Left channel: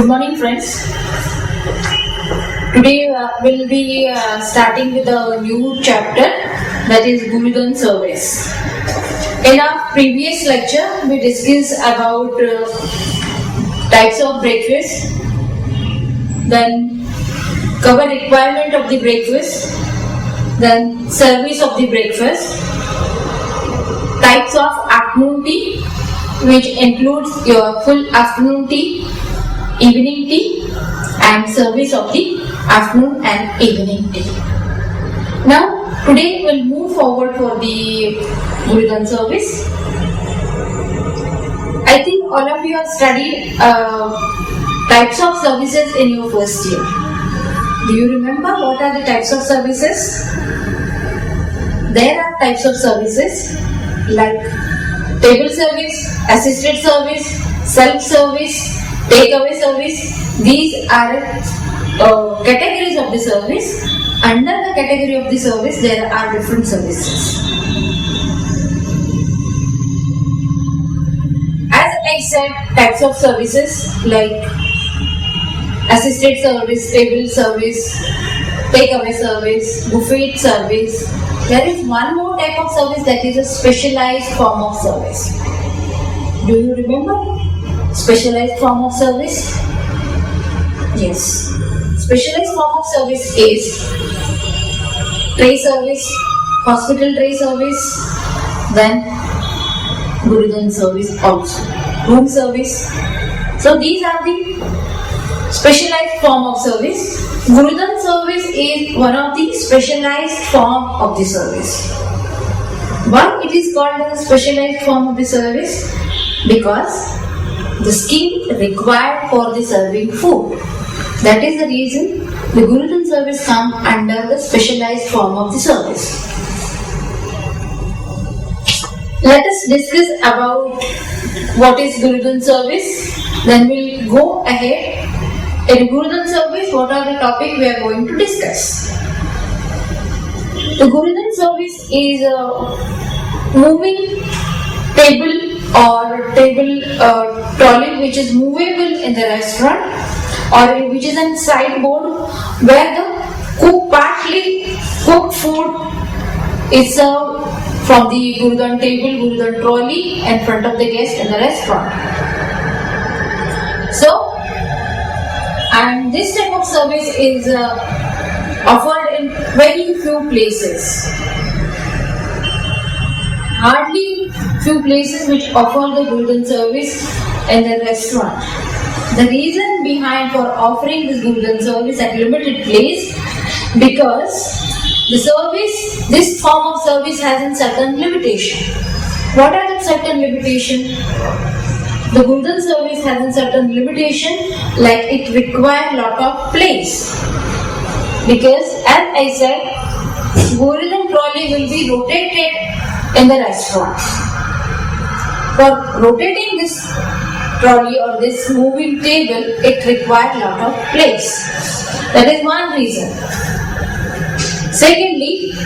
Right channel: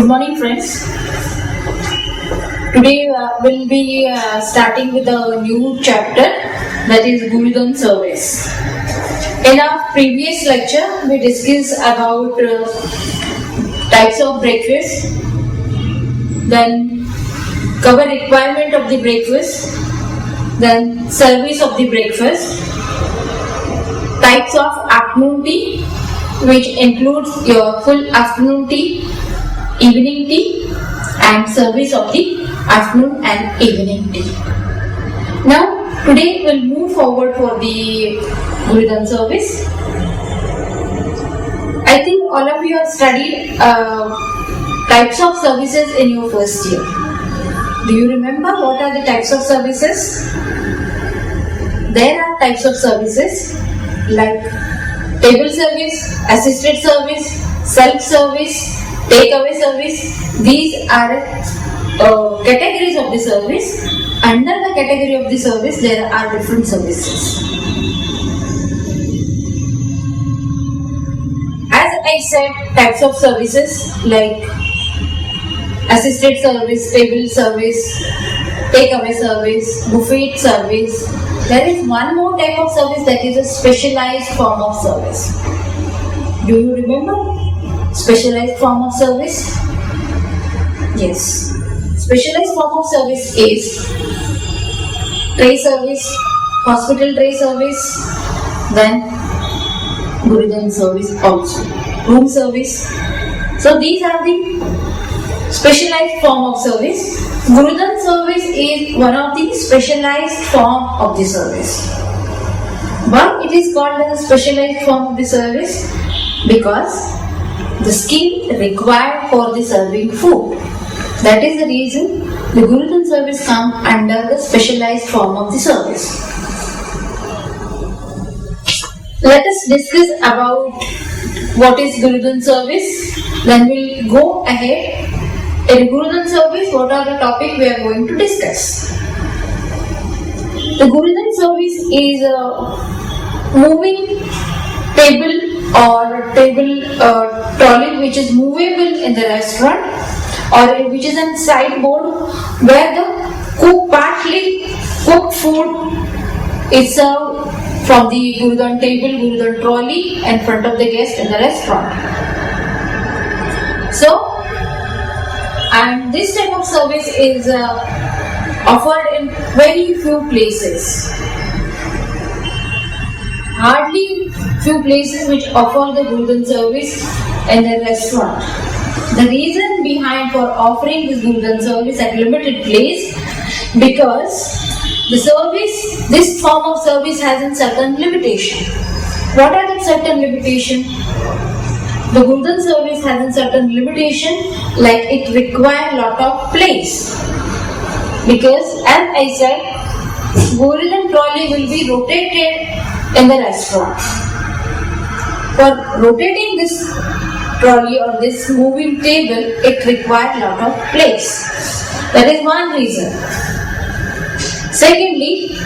Good morning, friends. Today we'll be starting with a new chapter, that is Gurudan service. In our previous lecture, we discussed about types of breakfast, then cover requirement of the breakfast, then service of the breakfast, types of afternoon tea, which includes your full afternoon tea, evening tea, and service of the afternoon and evening tea. Now, today we'll move forward for the Gurudan service. I think all of you have studied types of services in your first year. Do you remember what are the types of services? There are types of services like table service, assisted service, self-service, takeaway service. These are categories of the service. Under the category of the service, there are different services. As I said, types of services like assisted service, table service, takeaway service, buffet service. There is one more type of service, that is a specialized form of service. Do you remember specialized form of service? Yes. Specialized form of service is tray service, hospital tray service, then Gurudan service also, room service. So these are the specialized form of service. Gurudan service is one of the specialized form of the service. Why it is called as a specialized form of the service? Because the skill required for the serving food. That is the reason the Gurudan service comes under the specialized form of the service. Let us discuss about what is Gurudan service. Then we'll go ahead. In Gurudan service, what are the topics we are going to discuss? The Gurudan service is a moving table or table trolley which is movable in the restaurant, or which is a sideboard where the partly cooked food is served from the Gurudan table, Gurudan trolley in front of the guest in the restaurant. So, and this type of service is offered in very few places. Hardly few places which offer the Gurudan service in the restaurant. The reason behind for offering this Gurudan service at limited place, because the service, this form of service has a certain limitation. What are the certain limitation? The Gurudan service has a certain limitation, like it requires lot of place. Because as I said, Gurudan trolley will be rotated in the restaurant. For rotating this trolley or this moving table, it requires lot of place. That is one reason. Secondly,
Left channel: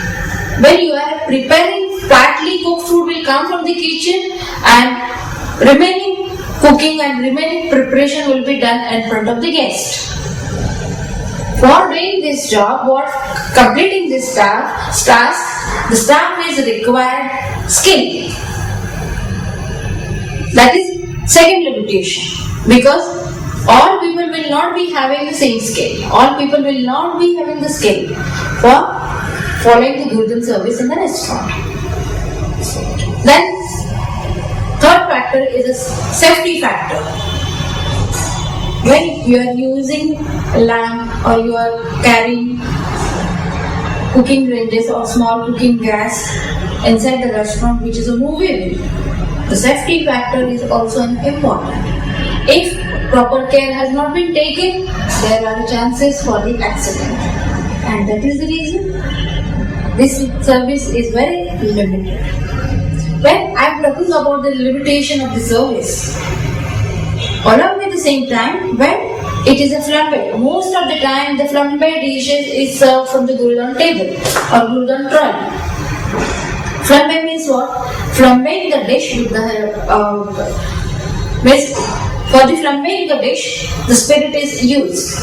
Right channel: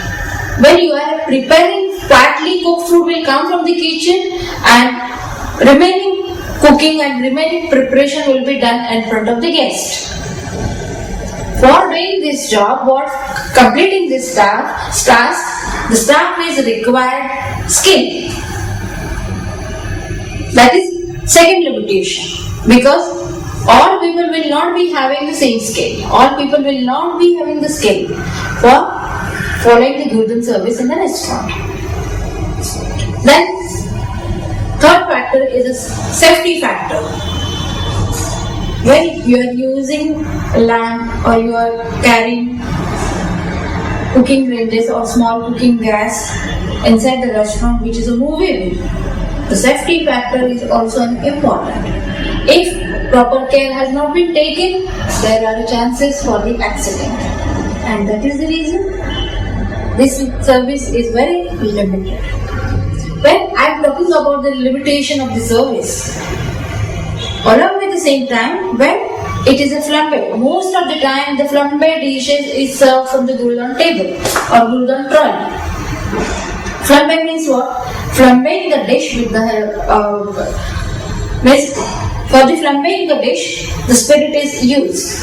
when you are preparing, partly cooked food will come from the kitchen and remaining cooking and remaining preparation will be done in front of the guest. For doing this job, completing this task, the staff is required skill. That is second limitation. Because all people will not be having the same skill. All people will not be having the skill for following the Gurudan service in the restaurant. Then, third factor is a safety factor. When you are using a lamp or you are carrying cooking ranges or small cooking gas inside the restaurant, which is a movable, the safety factor is also important. If proper care has not been taken, there are chances for the accident. And that is the reason this service is very limited. When I am talking about the limitation of the service, along with the same time, when it is a flambe, most of the time the flambe dishes is served from the Gurudan table or Gurudan trolley. Flambe means what? Flambing the dish with the means For the flambéing the dish, the spirit is used.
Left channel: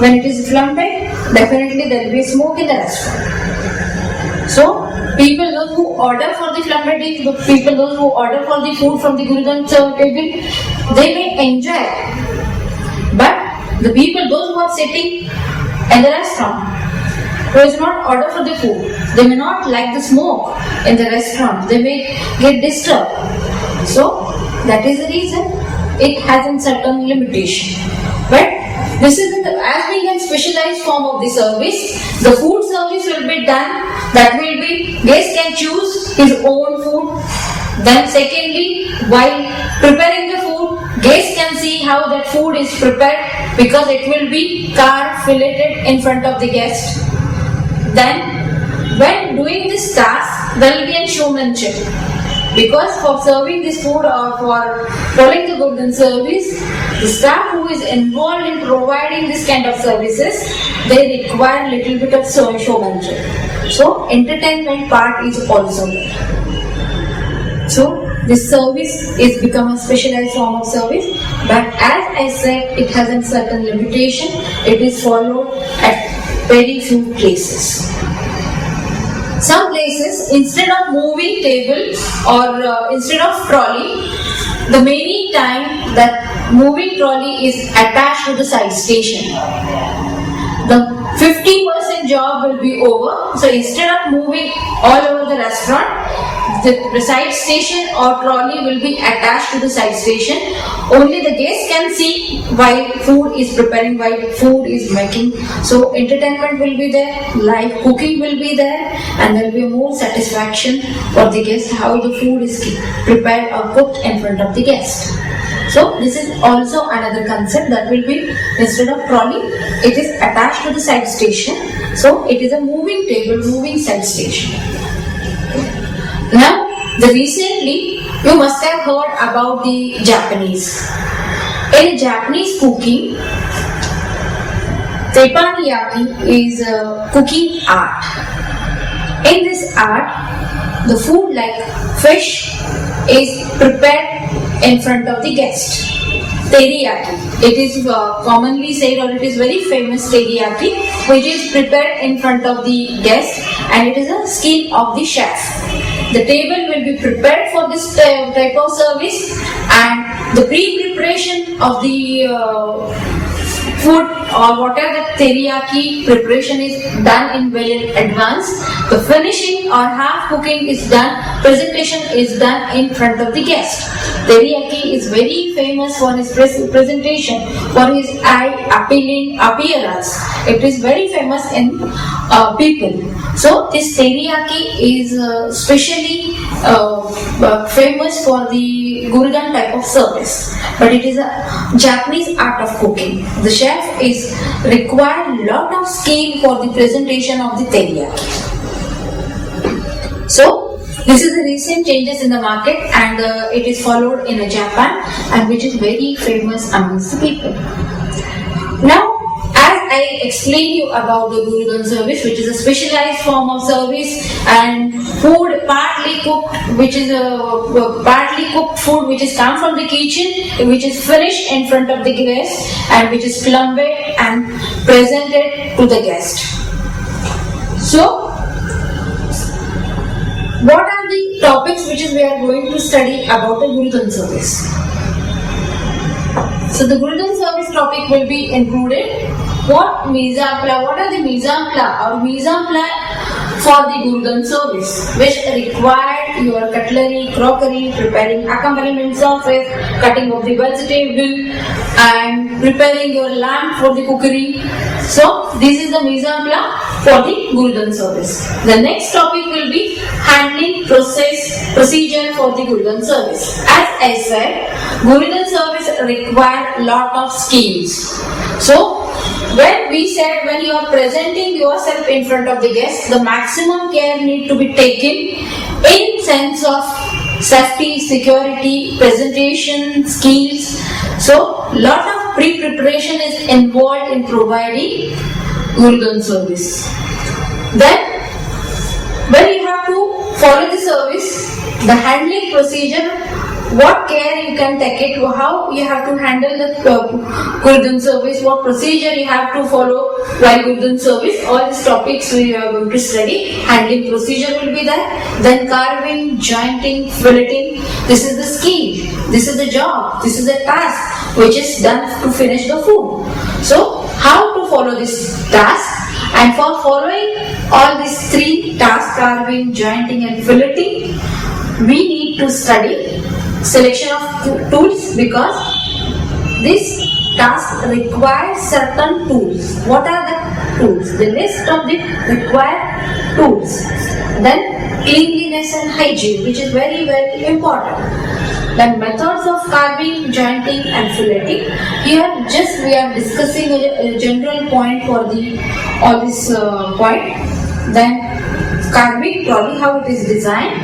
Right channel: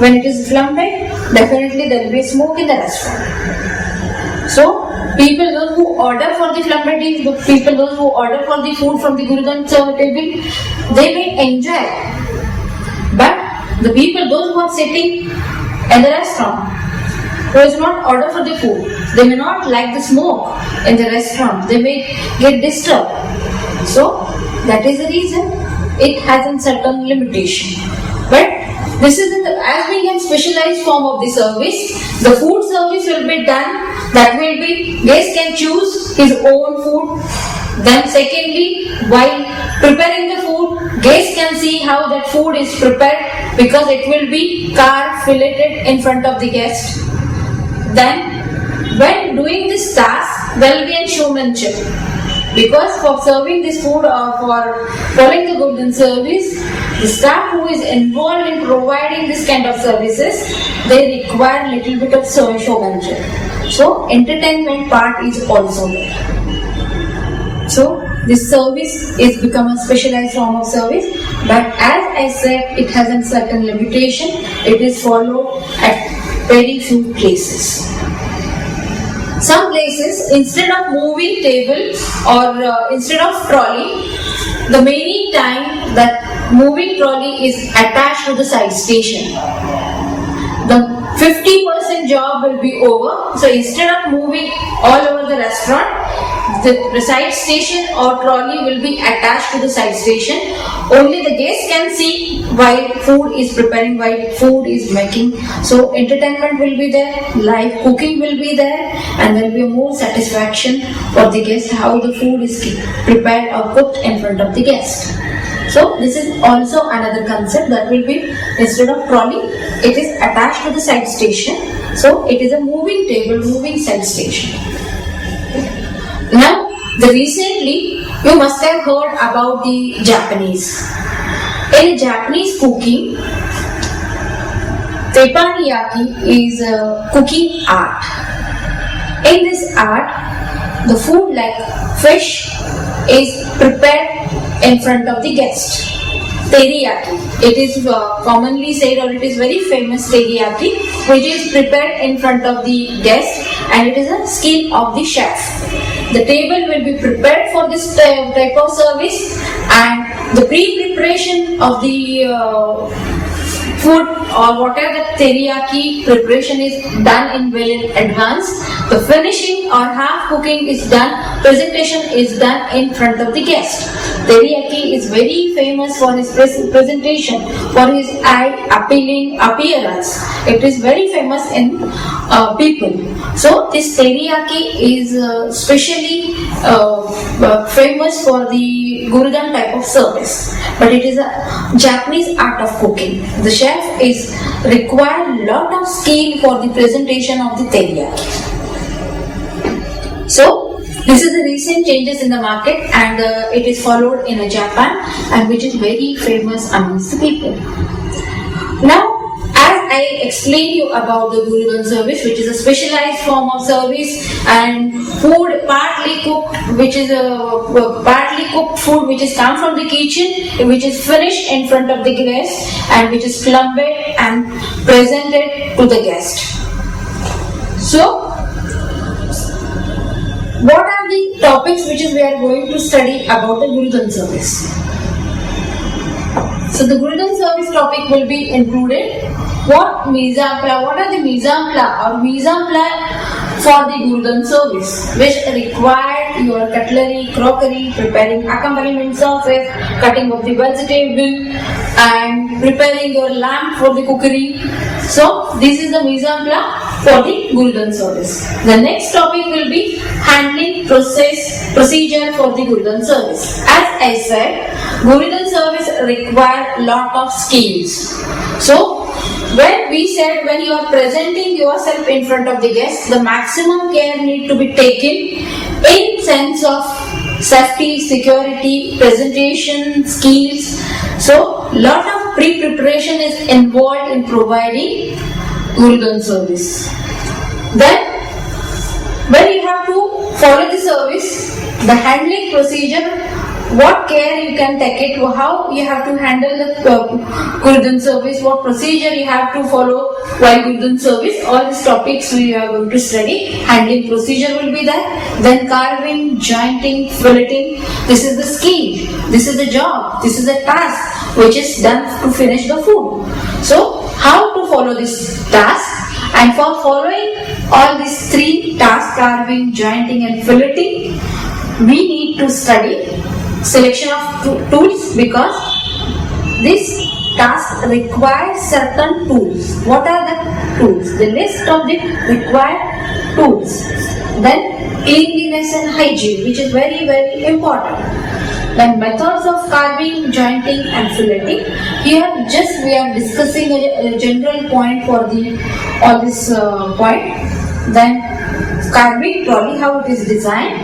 When it is flambéed, definitely there will be smoke in the restaurant. So, people those who order for the flambéed dish, the people those who order for the food from the Gurudan table, they may enjoy. But the people those who are sitting in the restaurant, who is not order for the food, they may not like the smoke in the restaurant. They may get disturbed. So that is the reason it has a certain limitation. But this is as being a specialized form of the service, the food service will be done. That will be guest can choose his own food. Then secondly, while preparing the food, guest can see how that food is prepared because it will be carved, filleted in front of the guest. Then, when doing this task, there will be a showmanship. Because for serving this food or for following the golden service, the staff who is involved in providing this kind of services, they require little bit of showmanship. So, entertainment part is also there. So, this service is become a specialized form of service, but as I said, it has a certain limitation. It is followed at very few places. Some places, instead of moving table or instead of trolley, the many time that moving trolley is attached to the side station. The 50% job will be over. So instead of moving all over the restaurant, the side station or trolley will be attached to the side station. Only the guest can see while food is preparing, while food is making. So entertainment will be there, live cooking will be there, and there will be more satisfaction for the guest how the food is prepared or cooked in front of the guest. So this is also another concept that will be, instead of trolley, it is attached to the side station. So it is a moving table, moving side station. Now, recently you must have heard about the Japanese. In Japanese cooking, teppanyaki is a cooking art. In this art, the food like fish is prepared in front of the guest. Teriyaki. It is commonly said, or it is very famous teriyaki, which is prepared in front of the guest, and it is a skill of the chef. The table will be prepared for this type of service, and the pre-preparation of the food or whatever the teriyaki preparation is done in well in advance. The finishing or half cooking is done, presentation is done in front of the guest. Teriyaki is very famous for his presentation, for his eye-appealing appearance. It is very famous in people. So this teriyaki is specially famous for the Gurudan type of service. But it is a Japanese art of cooking. The chef is required lot of skill for the presentation of the teriyaki. So this is the recent changes in the market, and it is followed in Japan, and which is very famous amongst the people. Now, as I explained you about the Gurudan service, which is a specialized form of service, and food partly cooked, which is a partly cooked food which is come from the kitchen, which is finished in front of the guest, and which is flambéed and presented to the guest. So, what are the topics which we are going to study about the Gurudan service? So the Gurudan service topic will be included. What mise en place? What are the mise en place or mise en place for the Gurudan service, which require your cutlery, crockery, preparing accompaniment sauces, cutting of the vegetable, and preparing your lamp for the cookery. So this is the mise en place for the Gurudan service. The next topic will be handling procedure for the Gurudan service. As I said, Gurudan service require lot of skills. So when we said, when you are presenting yourself in front of the guest, the maximum care need to be taken in sense of safety, security, presentation, skills. So lot of pre-preparation is involved in providing Gurudan service. Then when you have to follow the service, the handling procedure what care you can take it, how you have to handle the Gurdhan service, what procedure you have to follow while Gurdhan service. All these topics we are going to study. Handling procedure will be there. Then carving, jointing, filleting. This is the skill. This is the job. This is the task which is done to finish the food. So how to follow this task? And for following all these three tasks, carving, jointing and filleting, we need to study selection of tools, because this task requires certain tools. What are the tools? The list of the required tools. Then cleanliness and hygiene, which is very, very important. Then methods of carving, jointing and filleting. Here just we are discussing a general point for all this point. Then carving trolley, how it is designed.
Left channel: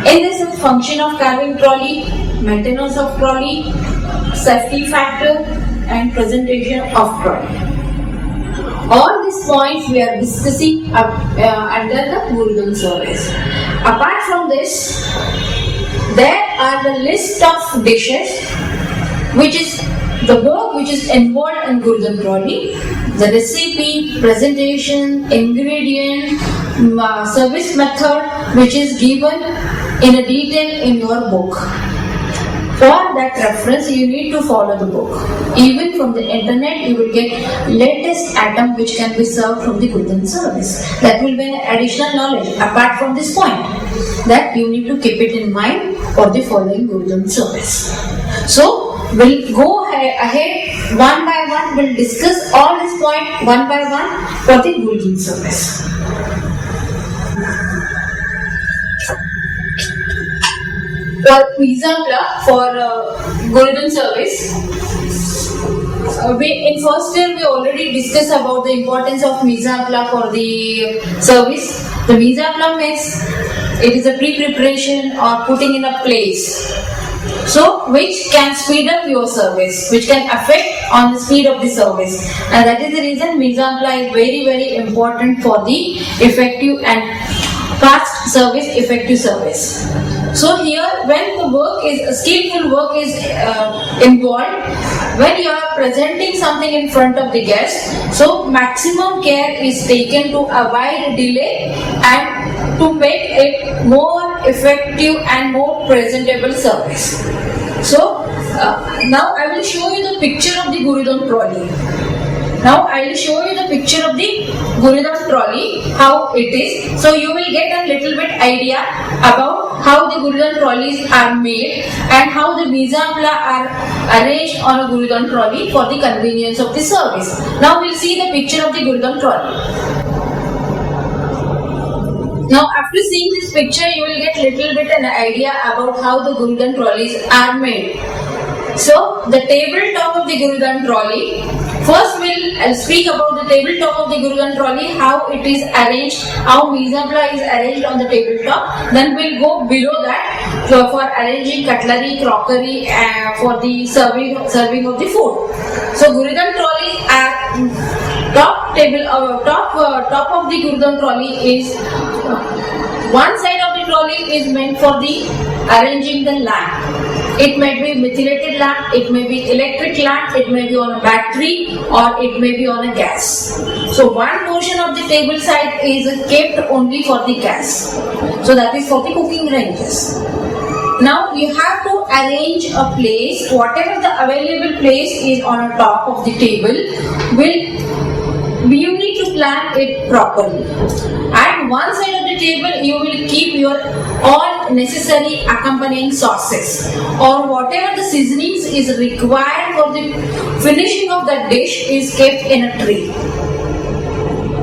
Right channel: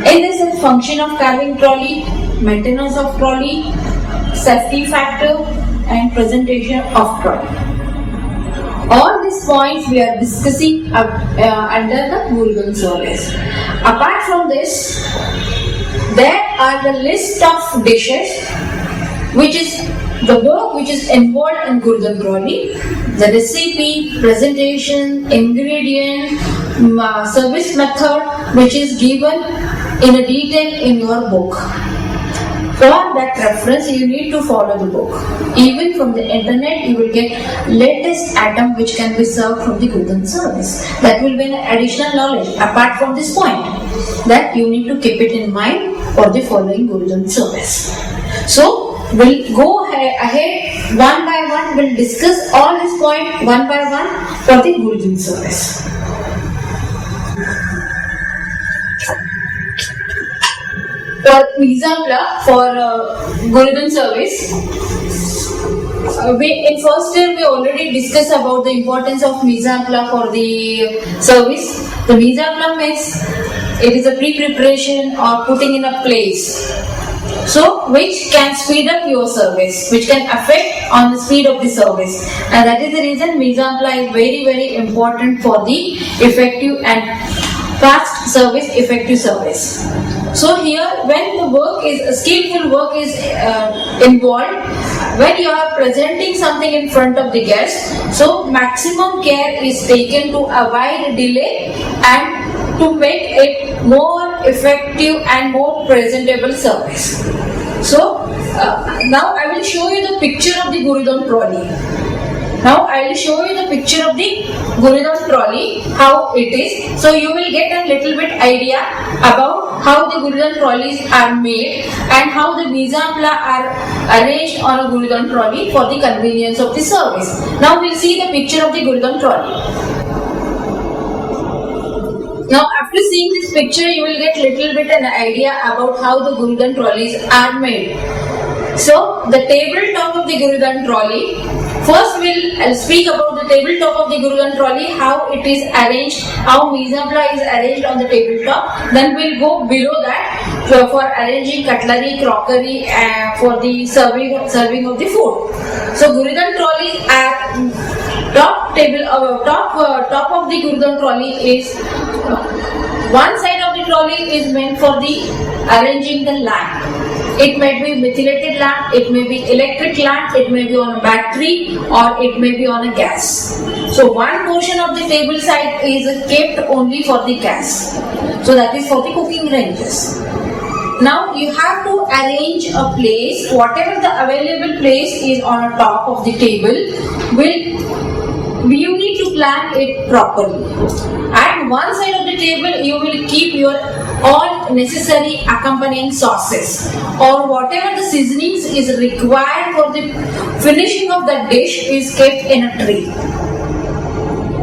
In this function of carving trolley, maintenance of trolley, safety factor and presentation of trolley. All these points we are discussing under the Gurdhan service. Apart from this, there are the list of dishes which is the work which is involved in Gurdhan trolley, the recipe, presentation, ingredient, service method which is given in a detail in your book. For that reference, you need to follow the book. Even from the internet, you will get latest item which can be served from the Gurdhan service. That will be an additional knowledge apart from this point that you need to keep it in mind for the following Gurdhan service. So, we'll go ahead one by one. We'll discuss all these points one by one for the Gurdhan service. For mise en place for Gurdhan service, in first year we already discussed about the importance of mise en place for the service. The mise en place means it is a pre-preparation or putting in a place. So, which can speed up your service, which can affect on the speed of the service, and that is the reason mise en place is very, very important for the effective and fast service, effective service. So here, when the work is skillful work is involved, when you are presenting something in front of the guest, so maximum care is taken to avoid delay and to make it more effective and more presentable service. So now I will show you the picture of the Gurdhan trolley. Now I will show you the picture of the Gurdhan trolley, how it is. So you will get a little bit idea about how the Gurdhan trolleys are made and how the mise en place are arranged on a Gurdhan trolley for the convenience of the service. Now we'll see the picture of the Gurdhan trolley. Now after seeing this picture, you will get little bit an idea about how the Gurdhan trolleys are made. So the tabletop of the Gurdhan trolley. First we'll speak about the tabletop of the Gurdhan trolley, how it is arranged, how mise en place is arranged on the tabletop. Then we'll go below that for arranging cutlery, crockery for the serving of the food. So Gurdhan trolleys are top of the Gurdhan trolley is one side of the trolley is meant for the arranging the lamp. It may be methylated lamp, it may be electric lamp, it may be on a battery or it may be on a gas. So one portion of the table side is kept only for the gas. So that is for the cooking ranges. Now you have to arrange a place, whatever the available place is on the top of the table, you need to plan it properly. At one side of the table, you will keep your all necessary accompanying sauces or whatever the seasonings is required for the finishing of the dish is kept in a tray.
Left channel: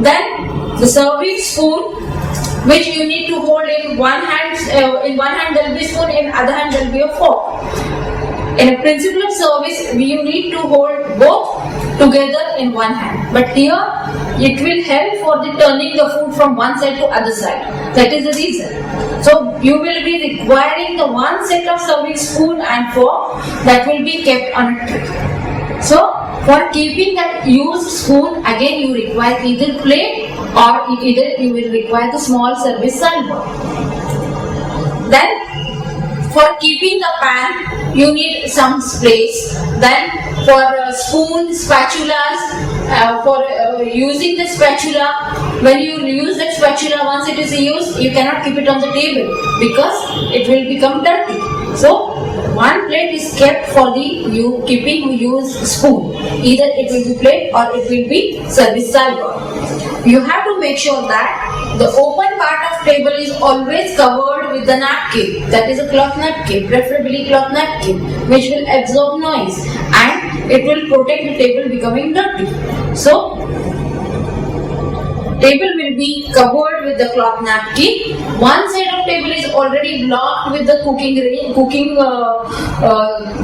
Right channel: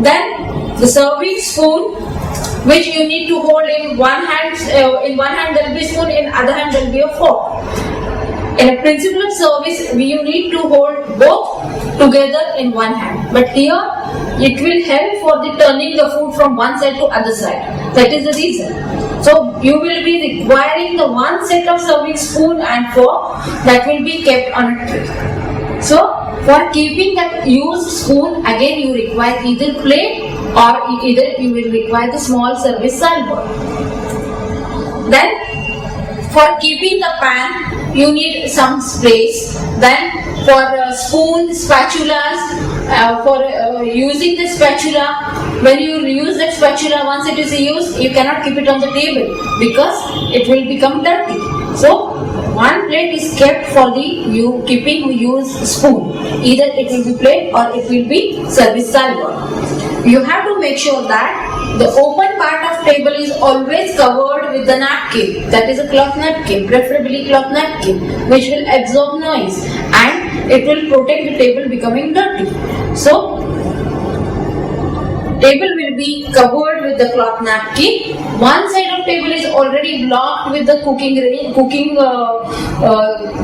Then the serving spoon, which you need to hold in one hand. In one hand there will be a spoon, in other hand there will be a fork. In a principle of service, you need to hold both together in one hand. But here, it will help for the turning the food from one side to other side. That is the reason. So, you will be requiring the one set of serving spoon and fork that will be kept on a tray. So, for keeping that used spoon, again you require either plate or either you will require the small service salver. Then, for keeping the pan, you need some space. Then for spoons, spatulas, for using the spatula, when you use that spatula, once it is used, you cannot keep it on the table because it will become dirty. So one plate is kept for the keeping used spoon. Either it will be plate or it will be service silver. You have to make sure that the open part of table is always covered with the napkin. That is a cloth napkin, preferably cloth napkin, which will absorb noise and it will protect the table becoming dirty. So table will be covered with the cloth napkin. One side of table is already blocked with the cooking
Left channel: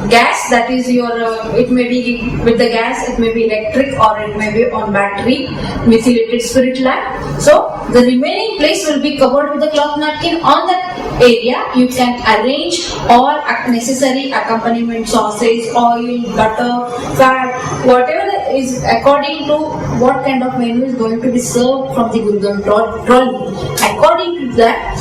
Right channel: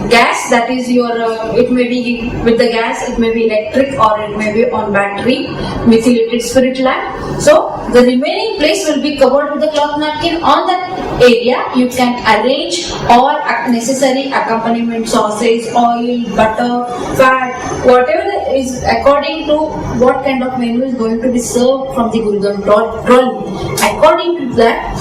gas. That is your, it may be with the gas, it may be electric or it may be on battery, methylated spirit lamp. So the remaining place will be covered with the cloth napkin. On that area, you can arrange all necessary accompaniment, sausage, oil, butter, fat, whatever is according to what kind of menu is going to be served from the Gurudhan trolley. According to that,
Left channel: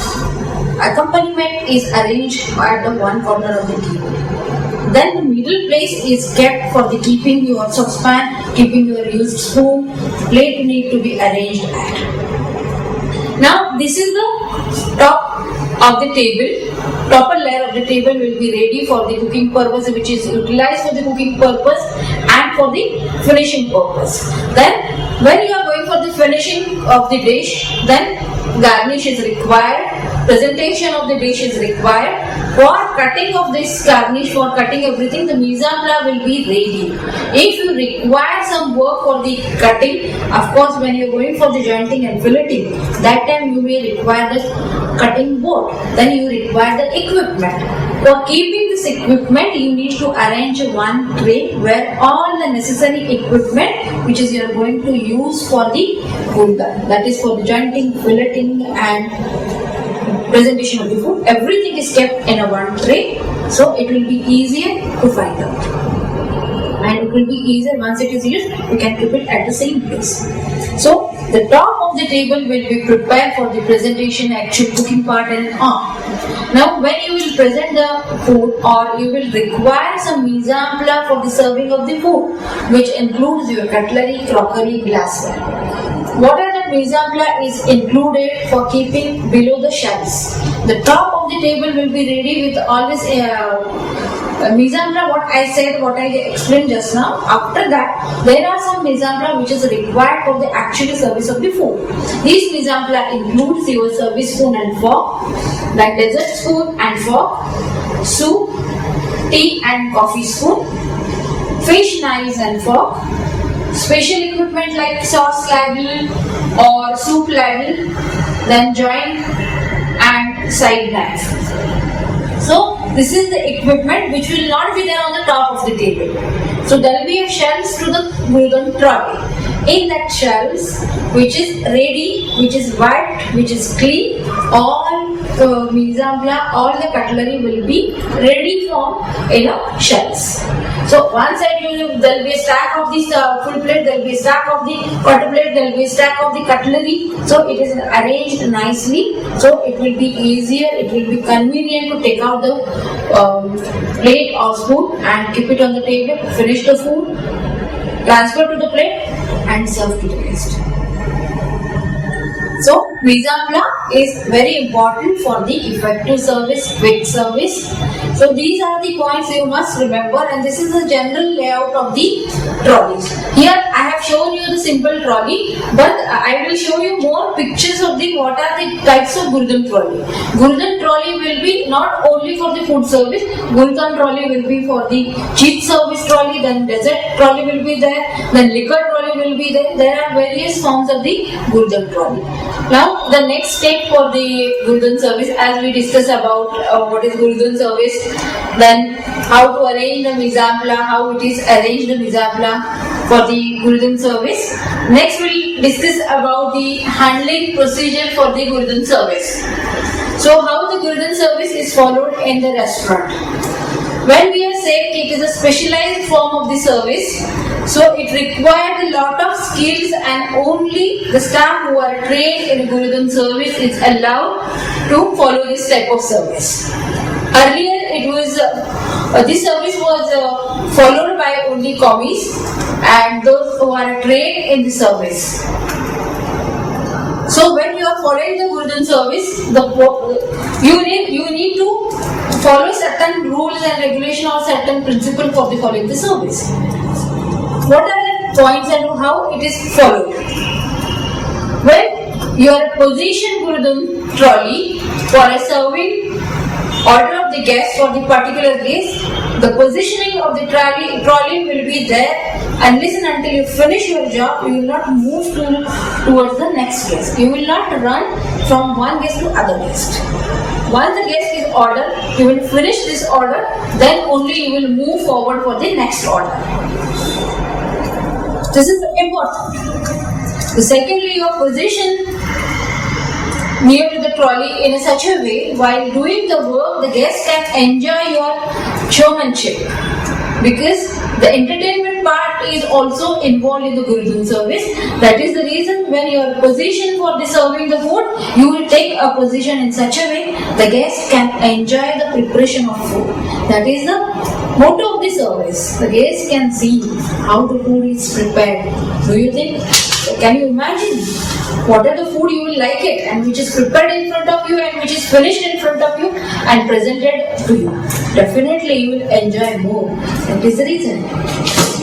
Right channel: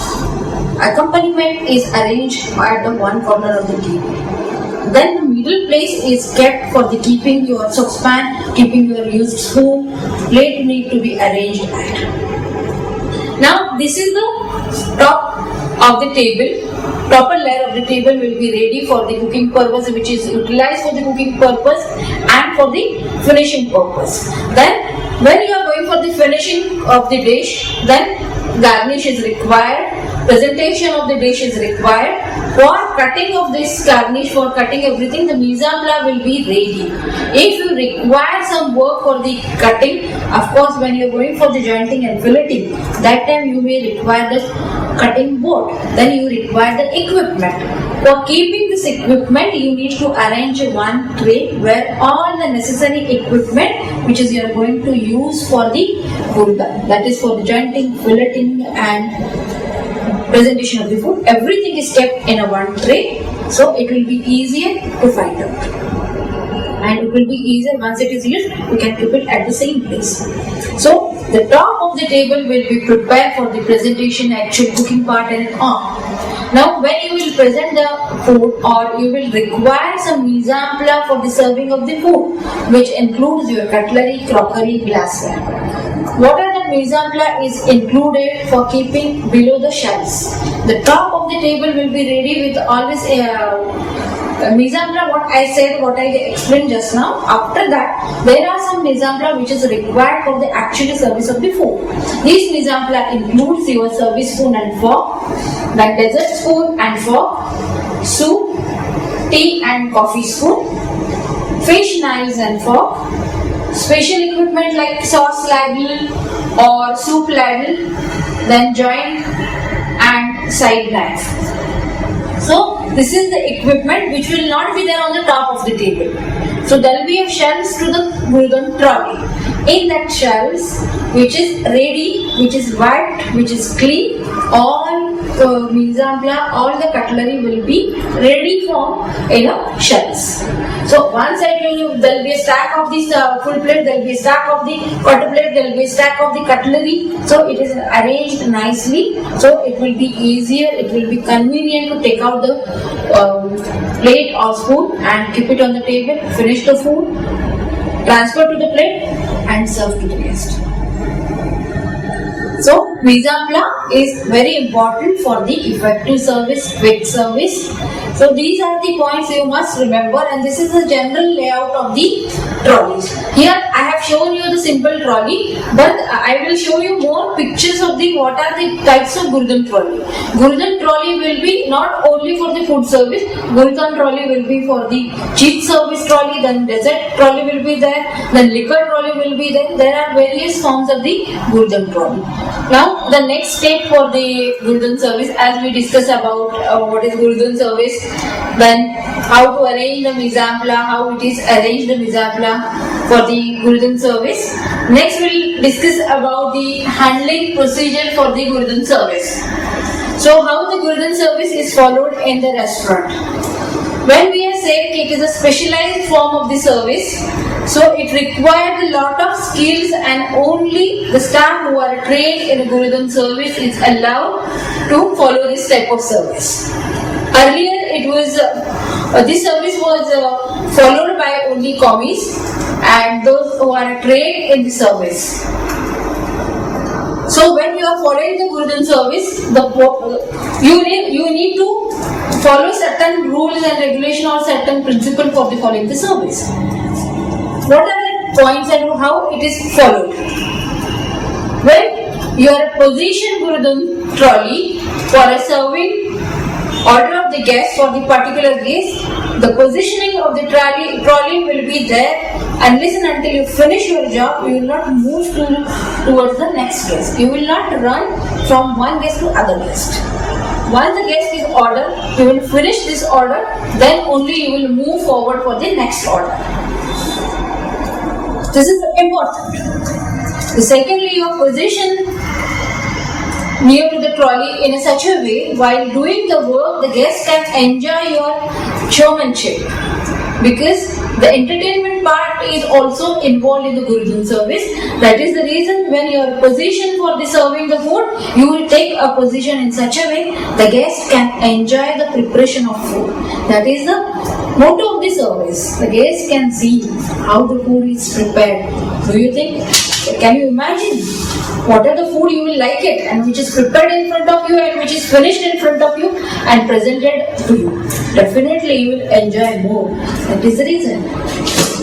accompaniment is arranged at the one corner of the table. Then the middle place is kept for the keeping your saucepan, keeping your used spoon. Plate need to be arranged at. Now this is the top of the table. Topper layer of the table will be ready for the cooking purpose, which is utilized for the cooking purpose and for the finishing purpose. Then when you are going for the finishing of the dish, then garnish is required, presentation of the dish is required. For cutting of this garnish, for cutting everything, the mise en place will be ready. If you require some work for the cutting, of course when you are going for the jointing and filleting, that time you may require the cutting board. Then you require the equipment. For keeping this equipment, you need to arrange one tray where all the necessary equipment which is you are going to use for the gurudhan, that is for the jointing, filleting and presentation of the food, everything is kept in a one tray, so it will be easier to find out. And it will be easier once it is used, you can keep it at the same place. So the top of the table will be prepared for the presentation, actual cooking part and on. Now when you will present the food, or you will require some mise en place for the serving of the food, which includes your cutlery, crockery, glassware. What are the mise en place is included for keeping below the shelves. The top of the table will be ready with always mise en place, what I said, what I explained just now. After that, there are some mise en place which is required for the actual service of the food. These mise en place includes your service spoon and fork, like dessert spoon and fork, soup, tea and coffee spoon, fish knives and fork, special equipment like sauce ladle or soup ladle, then joint and side knife. So this is the equipment which will not be there on the top of the table. So there will be a shelves to the Gurudhan trolley. In that shelves, which is ready, which is wiped, which is clean, all mise en place, all the cutlery will be ready for shelves. So one side there will be a stack of this full plate, there will be a stack of the quarter plate, there will be a stack of the cutlery. So it is arranged nicely. So it will be easier, it will be convenient to take out the plate or spoon and keep it on the table, finish the food, transfer to the plate and serve to the guest. So mise en place is very important for the effective service, quick service. So these are the points you must remember, and this is the general layout of the trolleys. Here I have shown you the simple trolley, but I will show you more pictures of the what are the types of Gurudhan trolley. Gurudhan trolley will be not only for the food service, Gurudhan trolley will be for the cheap service trolley, then dessert trolley will be there, then liquor trolley will be there. There are various forms of the Gurudhan trolley. Now the next step for the Gurudhan service, as we discuss about what is Gurudhan service, then how to arrange the mise en place, how it is arranged the mise en place for the Gurudhan service. Next we will discuss about the handling procedure for the Gurudhan service. So how the Gurudhan service is followed in the restaurant. When we are saying it is a specialized form of the service, so it requires a lot of skills and only the staff who are trained in Gurudhan service is allowed to follow this type of service. Earlier this service was followed by only commies and those who are trained in the service. So when you are following the Gurudhan service, you need to follow certain rules and regulation or certain principle for the following the service. What are the points and how it is followed? When you are position Gurudhan trolley for a serving order of the guest for the particular guest, the positioning of the trolley will be there unless and until you finish your job. You will not move towards the next guest. You will not run from one guest to other guest. Once the guest is ordered, you will finish this order, then only you will move forward for the next order. This is important. Secondly, your position near to the trolley in such a way, while doing the work, the guest can enjoy your showmanship, because the entertainment part is also involved in the Gurudhan service. That is the reason when you are positioned for the serving the food, you will take a position in such a way the guest can enjoy the preparation of food. That is the motto of the service. The guest can see how the food is prepared. Do you think? Can you imagine what are the food you will like it, and which is prepared in front of you and which is finished in front of you and presented to you? Definitely you will enjoy more. That is the reason.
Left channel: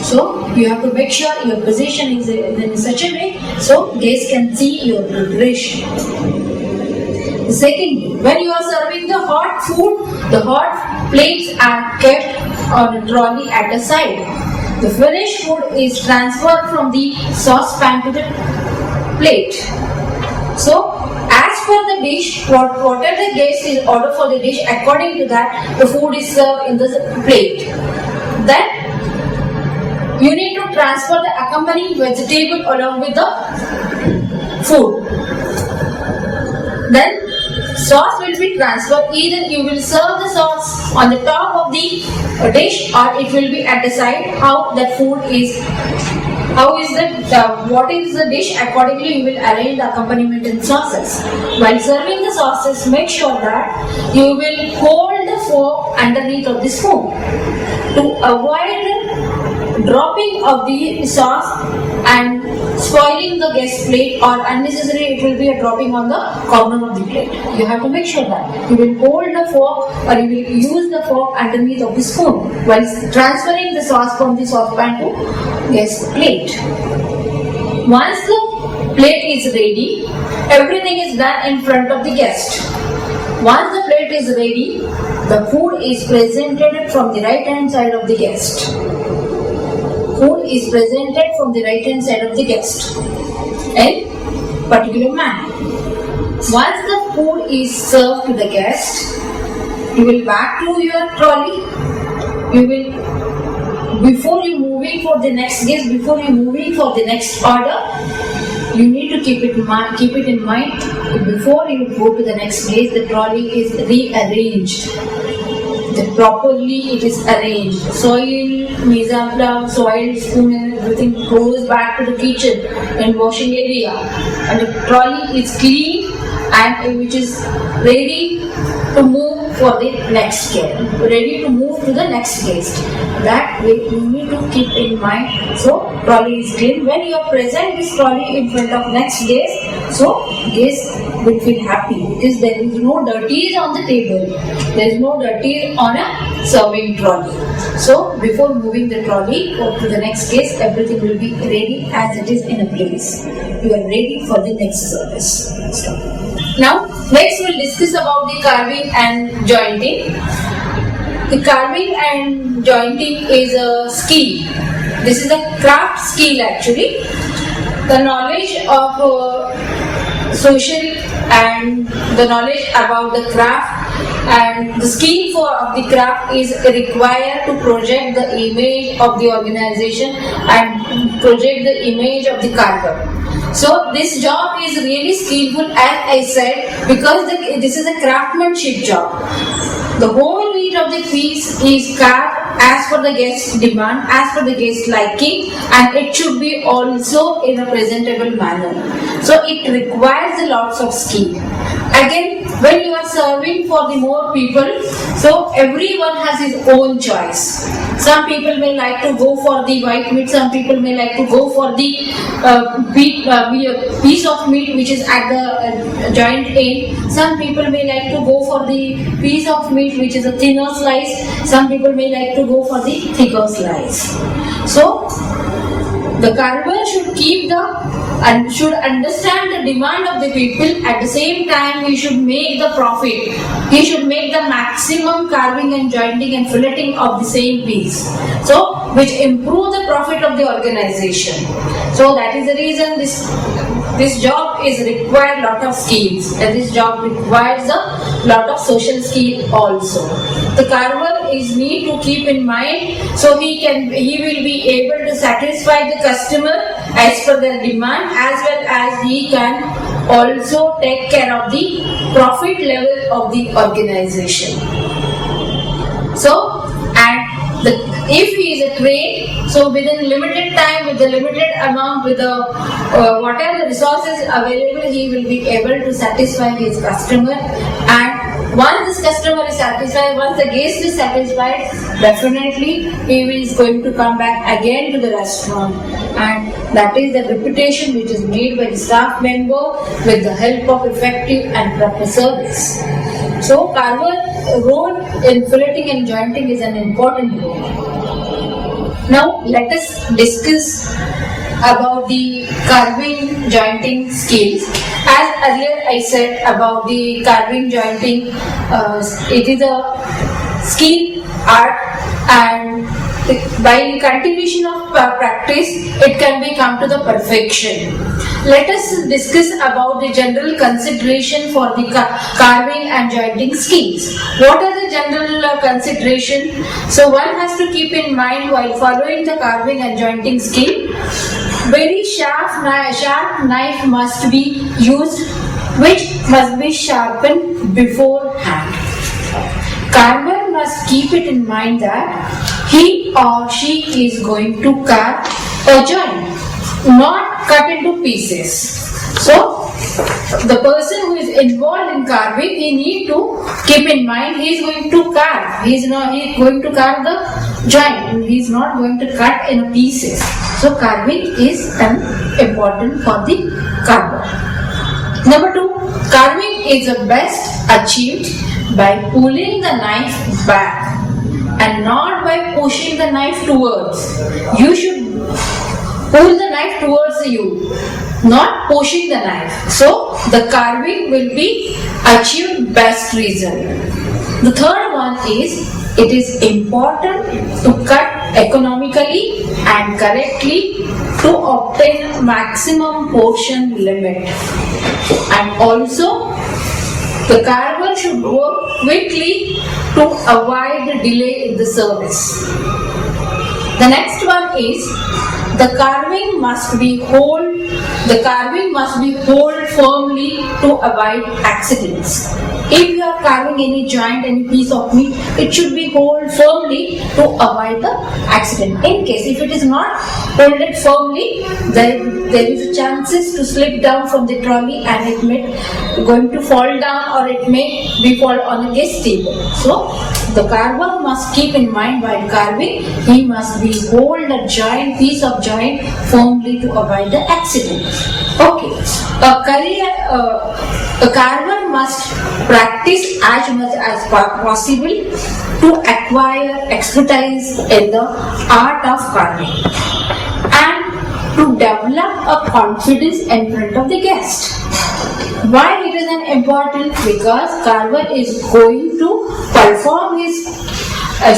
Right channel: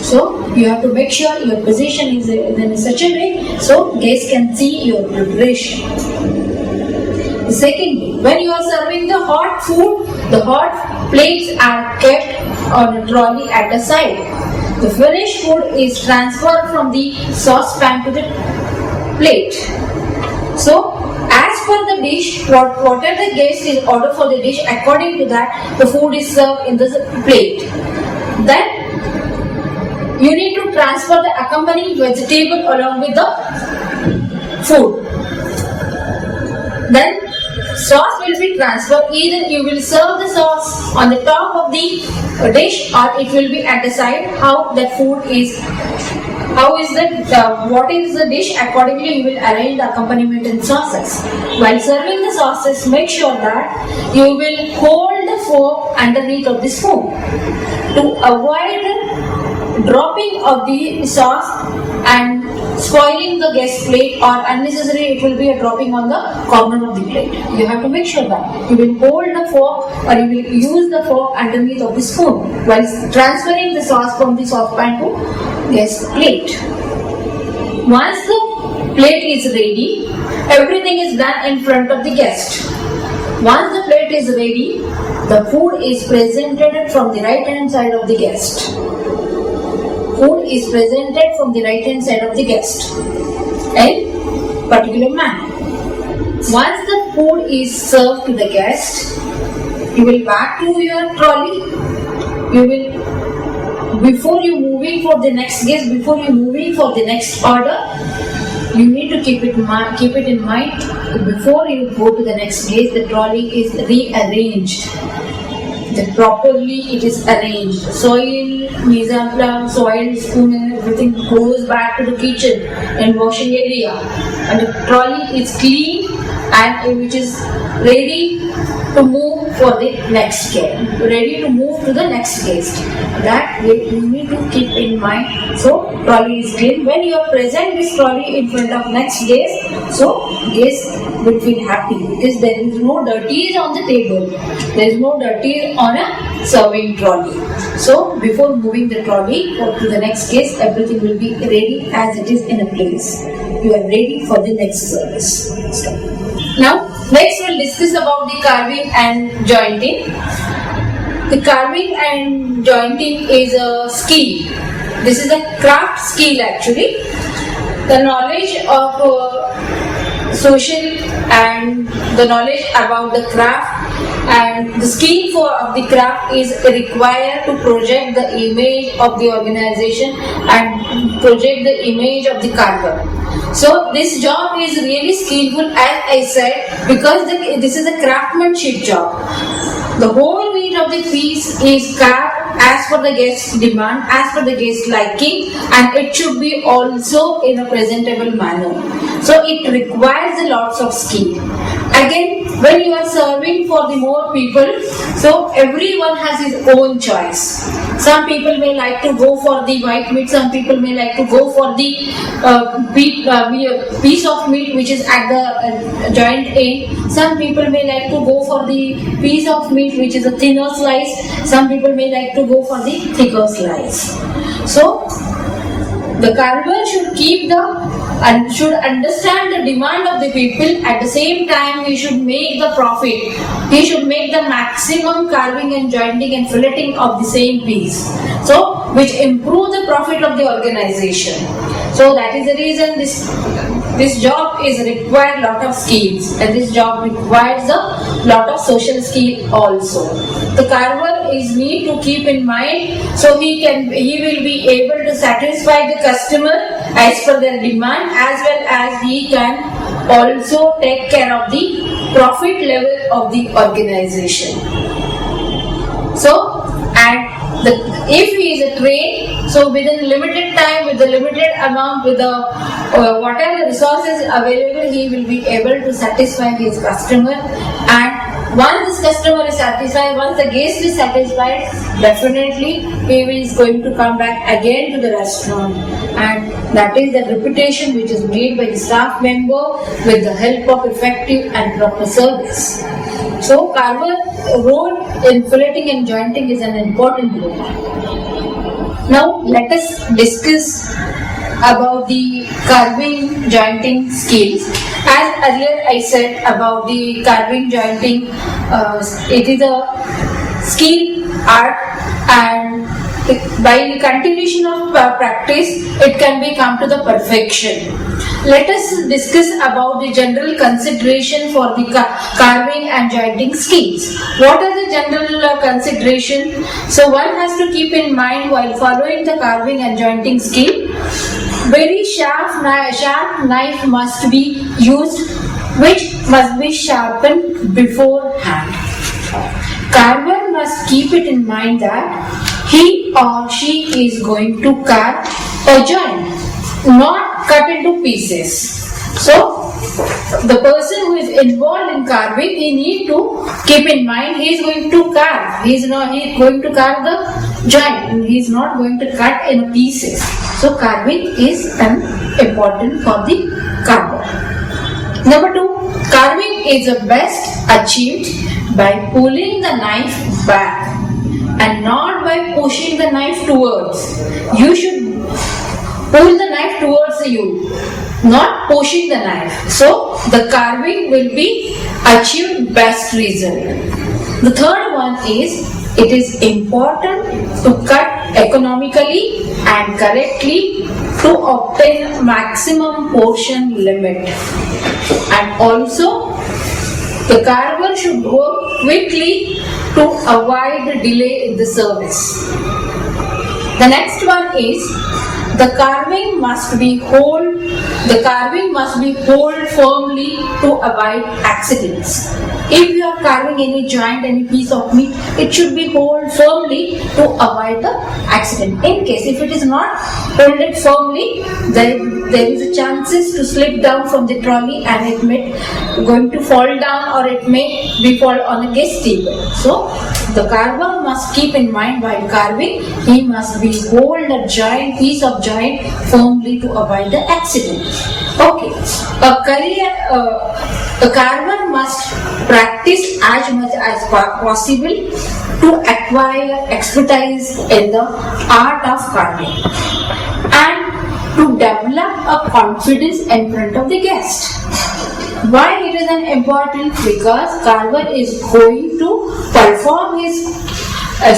So you have to make sure your position is in such a way so guests can see your preparation. Secondly, when you are serving the hot food, the hot plates are kept on a trolley at the side. The finished food is transferred from the saucepan to the plate. So, as per the dish, whatever the guest is ordered for the dish, according to that, the food is served in the plate. Then, you need to transfer the accompanying vegetable along with the food. Then, sauce will be transferred. Either you will serve the sauce on the top of the dish or it will be at the side. How that food is, what is the dish, accordingly you will arrange the accompaniment in sauces. While serving the sauces, make sure that you will hold the fork underneath of the spoon to avoid dropping of the sauce and spoiling the guest plate, or unnecessary it will be a dropping on the corner of the plate. You have to make sure that you will hold the fork or you will use the fork underneath of the spoon while transferring the sauce from the saucepan to guest plate. Once the plate is ready, everything is done in front of the guest. Once the plate is ready, the food is presented from the right hand side of the guest. Food is presented from the right hand side of the guest in particular manner. Once the food is served to the guest, you will back to your trolley. You will, before you moving for the next guest, before you moving for the next order, you need to keep it in mind. Before you go to the next guest, the trolley is rearranged. Properly it is arranged. Soil, mizapla, soil, spoon and everything goes back to the kitchen and washing area. And the trolley is clean and which is ready to move for the next guest. Ready to move to the next guest. That way you need to keep in mind. So trolley is clean. When you are present this trolley in front of next guest, so guest will feel happy because there is no dirties on the table. There is no dirty on a serving trolley. So before moving the trolley to the next guest, everything will be ready as it is in a place. You are ready for the next service. Now, next we'll discuss about the carving and jointing. The carving and jointing is a skill. This is a craft skill actually. The knowledge of social and the knowledge about the craft and the skill of the craft is required to project the image of the organization and project the image of the carver. So this job is really skillful, as I said, because this is a craftsmanship job. The whole meat of the piece is carved as per the guest's demand, as per the guest's liking, and it should be also in a presentable manner. So it requires a lots of skill. Again, when you are serving for the more people, so everyone has his own choice. Some people may like to go for the white meat, some people may like to go for the piece of meat which is at the joint end. Some people may like to go for the piece of meat which is a thinner slice. Some people may like to go for the thicker slice. So the carver should should understand the demand of the people. At the same time, he should make the profit. He should make the maximum carving and jointing and filleting of the same piece. So, which improve the profit of the organization. So that is the reason this job is required lot of skills, and this job requires a lot of social skill also. The carver is need to keep in mind, so he will be able to satisfy the customer as per their demand, as well as he can also take care of the profit level of the organization. So, and if he is a trained, so within limited time, with the limited amount, with the whatever resources available, he will be able to satisfy his customer. And once this customer is satisfied, once the guest is satisfied, definitely he is going to come back again to the restaurant. And that is the reputation which is made by the staff member with the help of effective and proper service. So, carver role in filleting and jointing is an important role. Now, let us discuss about the carving jointing skills. As earlier I said about the carving jointing, it is a skill, art, and by continuation of practice, it can be come to the perfection. Let us discuss about the general consideration for the carving and jointing skills. What are the general consideration? So one has to keep in mind while following the carving and jointing skill, very sharp knife must be used, which must be sharpened beforehand. Carver must keep it in mind that he or she is going to carve a joint, not cut into pieces. So, the person who is involved in carving, he need to keep in mind he is going to carve. He is going to carve the joint. He is not going to cut in pieces. So, carving is important for the carver. Number 2, carving is best achieved by pulling the knife back and not by pushing the knife towards. You should pull the knife towards you, not pushing the knife. So the carving will be achieved best result. The third one is, it is important to cut economically and correctly to obtain maximum portion limit. And also, the carver should work quickly to avoid the delay in the service. The next one is, the carving must be hold firmly to avoid accidents. If you are carving any joint, any piece of meat, it should be hold firmly to avoid the accident. In case if it is not hold it firmly, there is a chances to slip down from the trolley and it may going to fall down, or it may be fall on a guest table. So the carver must keep in mind while carving, he must be hold a joint, piece of joint firmly to avoid the accident. Okay, a carver must practice as much as possible to acquire expertise in the art of carving and to develop a confidence in front of the guest. Why it is an important? Because carver is going to perform his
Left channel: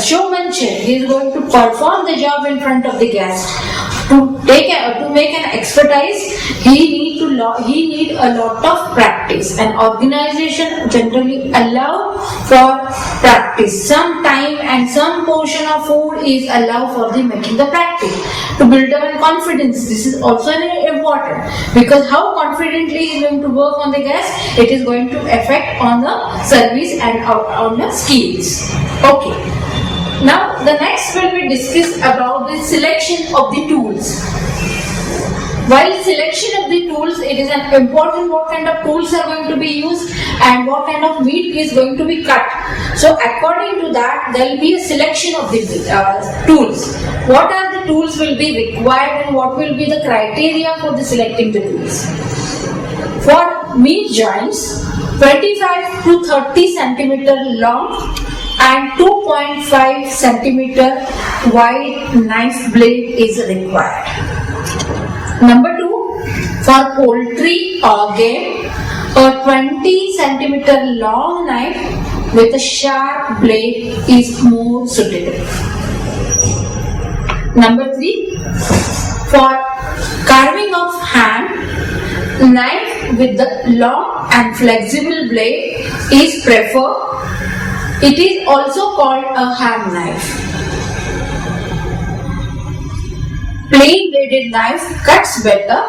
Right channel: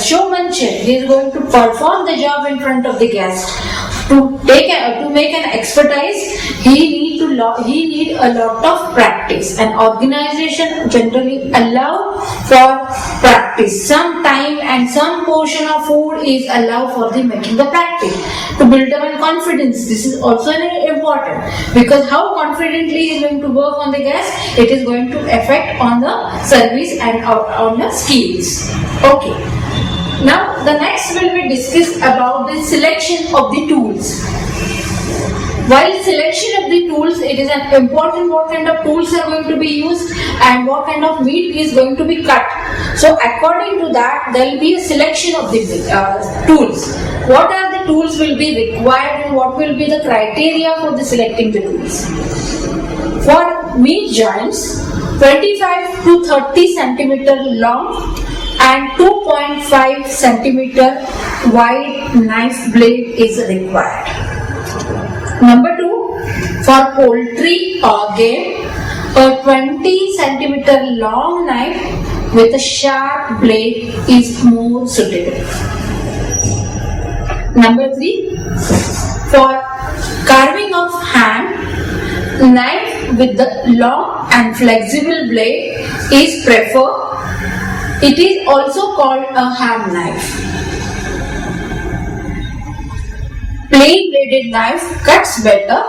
showmanship. He is going to perform the job in front of the guest. To make an expertise, he need a lot of practice. An organization generally allow for practice. Some time and some portion of food is allowed for the making the practice to build up confidence. This is also important, because how confidently he is going to work on the guest, it is going to affect on the service and on the skills. Okay. Now the next will be discussed about the selection of the tools. While selection of the tools, it is an important what kind of tools are going to be used and what kind of meat is going to be cut. So according to that, there will be a selection of the tools. What are the tools will be required and what will be the criteria for the selecting the tools? For meat joints, 25 to 30 centimeter long and 2.5 centimeter wide knife blade is required. Number 2, for poultry or game, a 20 centimeter long knife with a sharp blade is more suitable. Number 3, for carving of ham, knife with the long and flexible blade is preferred. It is also called a ham knife. Plain bladed knife cuts better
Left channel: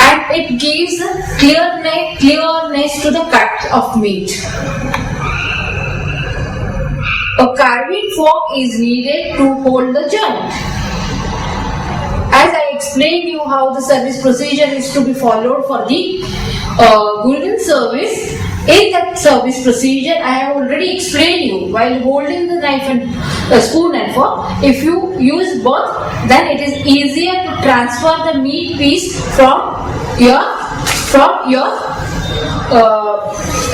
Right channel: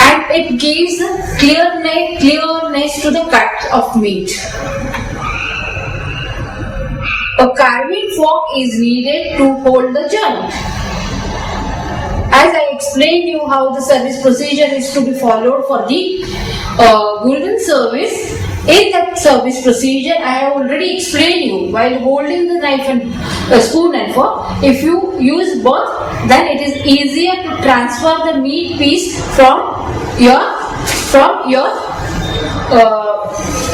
and it gives clearness to the cut of meat. A carving fork is needed to hold the joint. As I explained you how the service procedure is to be followed for the Gulden service, in that service procedure I have already explained you while holding the knife and spoon and fork. If you use both, then it is easier to transfer the meat piece from your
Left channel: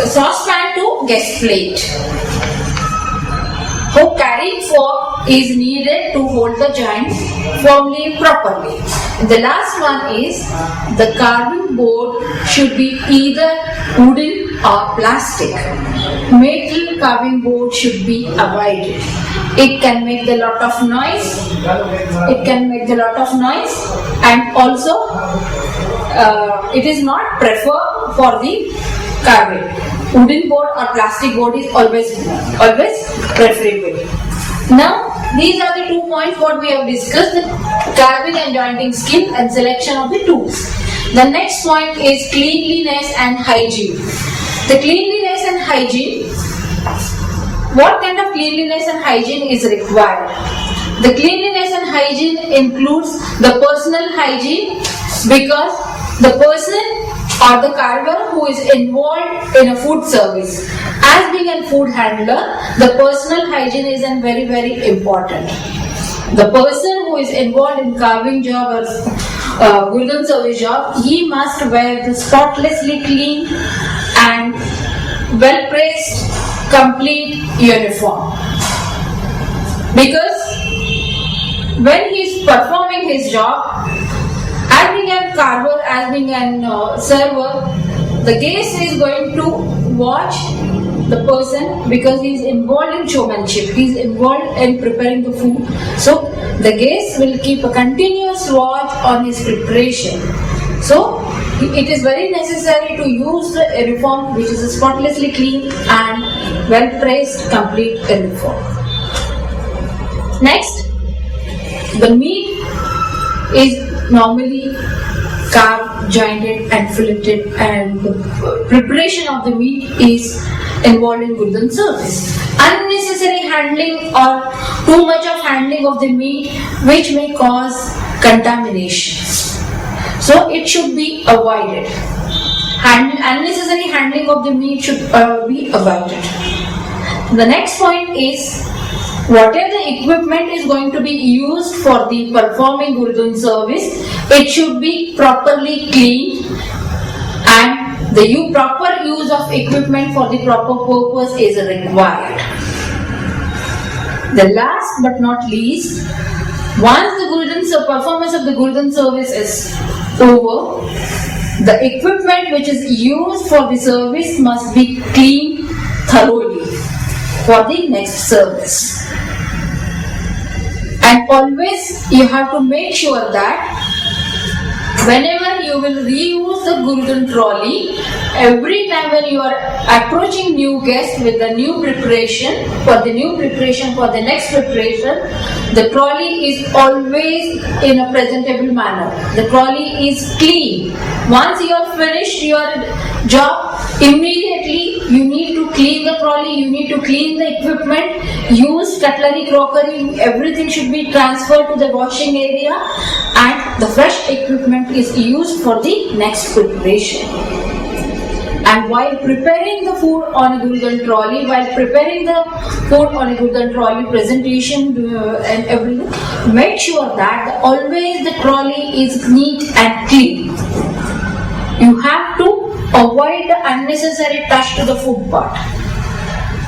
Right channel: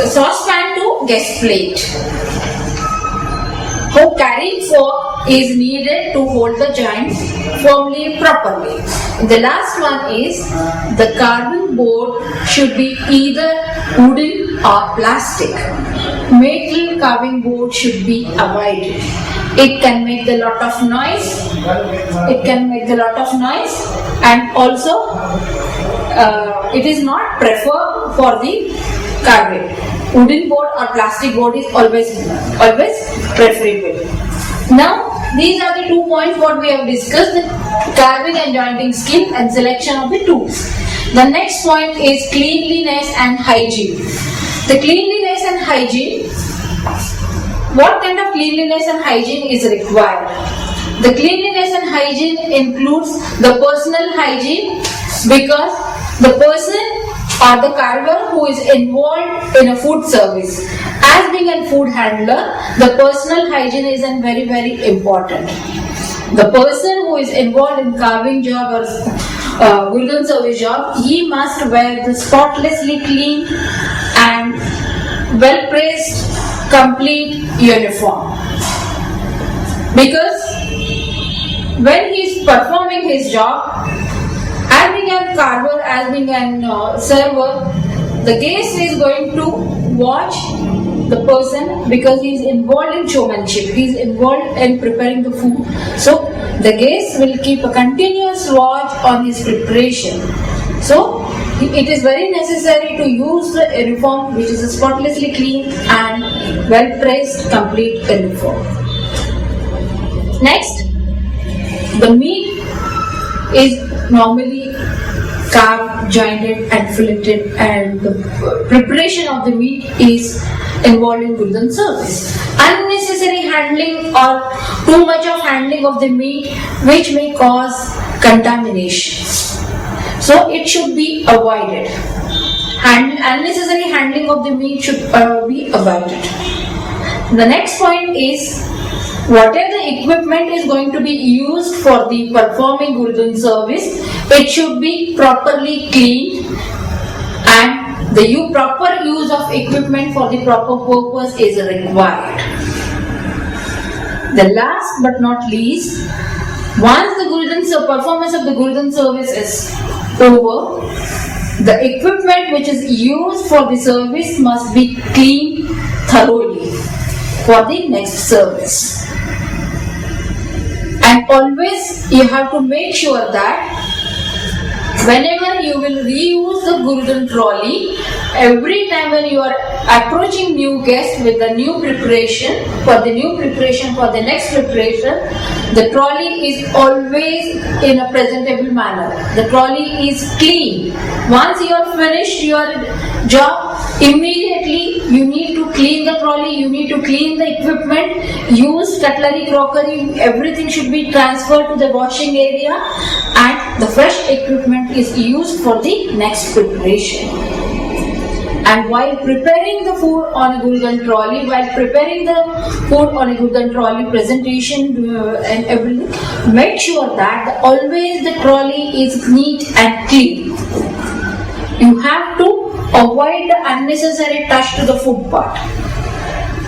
saucepan to guest plate. A carrying fork is needed to hold the joints firmly properly. The last one is the carving board should be either wooden or plastic. Metal carving board should be avoided. It can make a lot of noise. And also it is not preferred for the carving. Wooden board or plastic board is always preferable. Now, these are the 2 points what we have discussed: the carving and jointing skill and selection of the tools. The next point is cleanliness and hygiene. The cleanliness and hygiene. What kind of cleanliness and hygiene is required? The cleanliness and hygiene includes the personal hygiene, because the person or the carver who is involved in a food service, as being a food handler, the personal hygiene is very, very important. The person who is involved in carving job or Gulden service job, he must wear the spotlessly clean and well pressed complete uniform, because when he is performing his job, as being a carver, as being a server, the guest is going to watch the person because he is involved in showmanship, he is involved in preparing the food. So the guest will keep a continuous watch on his preparation. So it is very necessary to use the uniform which is spotlessly clean and well pressed complete uniform. Next, the meat is normally carved, jointed and filleted, and the preparation of the meat is involved in Gulden service. Unnecessary handling or too much of handling of the meat which may cause contamination. So it should be avoided. Unnecessary handling of the meat should be avoided. The next point is, whatever the equipment is going to be used for the performing Gulden service, it should be properly cleaned, and the proper use of equipment for the proper purpose is required. The last but not least, once the performance of the Gulden service is over, the equipment which is used for the service must be cleaned thoroughly for the next service. And always you have to make sure that whenever you will reuse the Gulden trolley, every time when you are approaching new guests with the new preparation, for the next preparation, the trolley is always in a presentable manner. The trolley is clean. Once you are finished your job, immediately you need to clean the trolley, you need to clean the equipment, use cutlery, crockery, everything should be transferred to the washing area, and the fresh equipment is used for the next preparation. And while preparing the food on a Gurudhan trolley, presentation and everything, make sure that always the trolley is neat and clean. You have to avoid the unnecessary touch to the food part